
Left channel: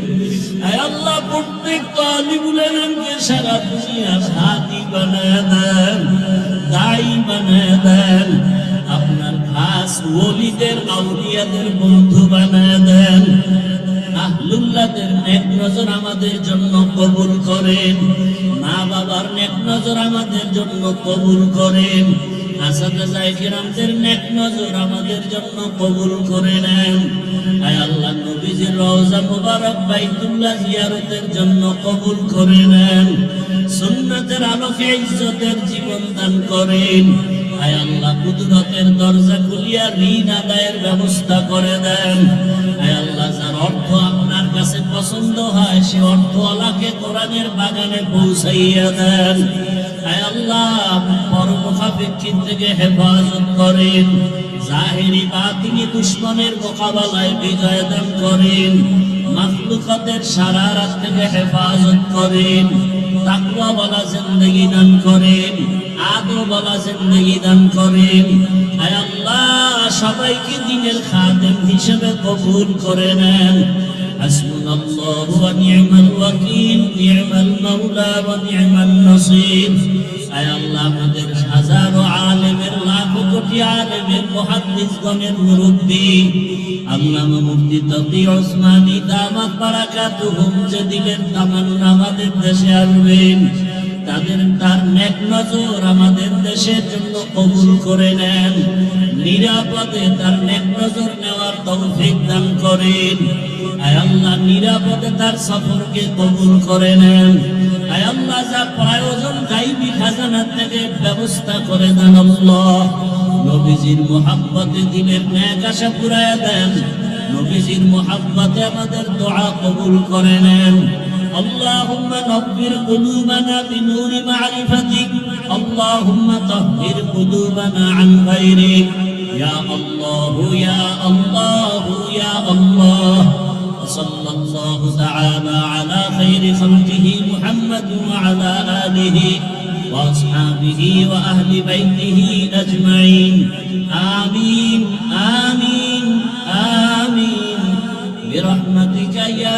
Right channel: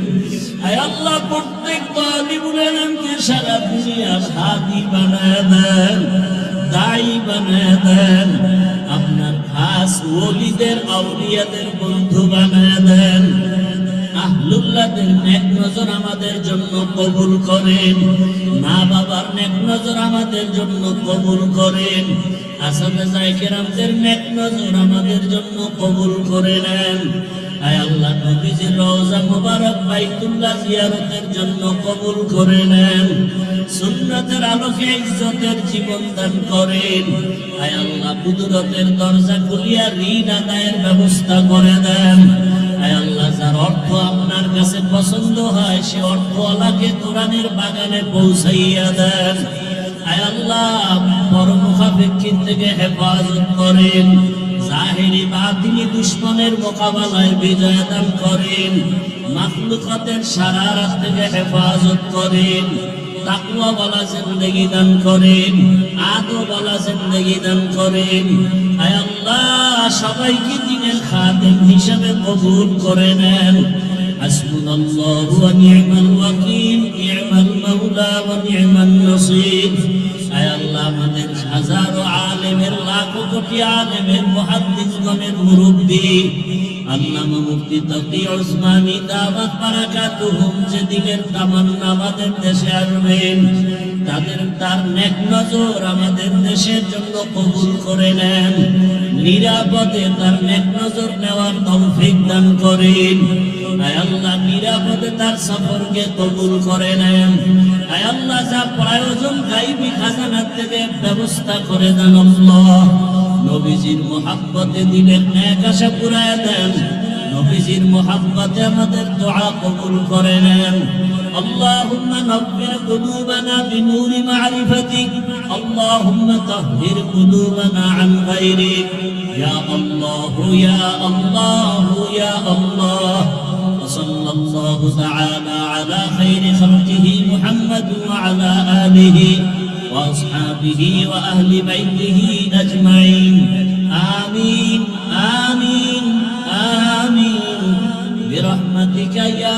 আয় আল্লাহ, প্রত্যেক তালিবুল ইলমকে সারা দুনিয়ার হাদি বানায় দেন, দায়ী বানায় দেন। আপনার খাস ওলিদের আউলিয়াদের বন্ধু বানায় দেন। আহলুল্লাহদের নেক নজর আমাদের জন্য কবুল করেন। মা বাবার নেক নজর আমাদের জন্য কবুল করেন। আসাদে কেরামদের নেক নজর আমাদের জন্য কবুল করে নেন। আয় আল্লাহ, নবীজির রওজা মুবারক বাইতুল্লাহ জিয়ারতের জন্য কবুল করে নেন। সুন্নাতের আলোকে ইজ্জতের জীবন দান করেন। আয় আল্লাহ, কুদরতের দরজা খুলিয়া ঋণ আদায়ের ব্যবস্থা করে দেন। আয় আল্লাহ, যার অর্থ আপনার কাছে পছন্দ হয় সে অর্থওয়ালাকে কোরআনের বাগানে পৌঁছাইয়া দেন। আয় আল্লাহ, পরমুখাপেক্ষিন থেকে হেফাজত করেন। জাহিরি বাতিনি দুশমনের মোকাবেলায় বিজয় দান করেন। মাখলুকাতের শারারত থেকে হেফাজত করেন। তাকওয়াওয়ালা জিন্দেগি দান করেন। আদবওয়ালা জিন্দেগি দান করেন। আয় আল্লাহ, সবাইকে দ্বীনের খাদেম হিসেবে কবুল করে নেন। হাসবুনাল্লাহু ওয়া নি'মাল ওয়াকিল, নি'মাল মাওলা ওয়া নি'মান নাসীর। আয় আল্লাহ, আমাদের হাজারো আলেমের, লাখো কোটি আলেমের, মুহাদ্দিসগণের মুরব্বি আল্লামা মুফতি তকি ওসমানী দাওয়াত বারাকাতুহুম যেদিনের তামান্না আমাদের দেশে আসবেন, তার নেক নজর আমাদের দেশের জন্য কবুল করে নেন। নিরাপদে তার নেক নজর নেওয়ার তৌফিক দান করেন। আয় আল্লাহ, নিরাপদে তার সফরকে কবুল করে নেন। আয় আল্লাহ, যা প্রয়োজন গায়বী খাজানা থেকে ব্যবস্থা করে দেন। আল্লাহ, নবীজির মুহাব্বতে দিনের নেক আশা পুরায় দেন। নবীজির মুহাব্বতে আমাদের দোয়া কবুল করে নেন। اللهم نور قلوبنا بنور معرفتك، اللهم طهر قلوبنا عن غيرك، يا الله يا الله يا الله. وصلى الله تعالى على خير خلقه محمد وعلى آله وأصحابه وأهل بيته أجمعين. آمين آمين آمين برحمتك يا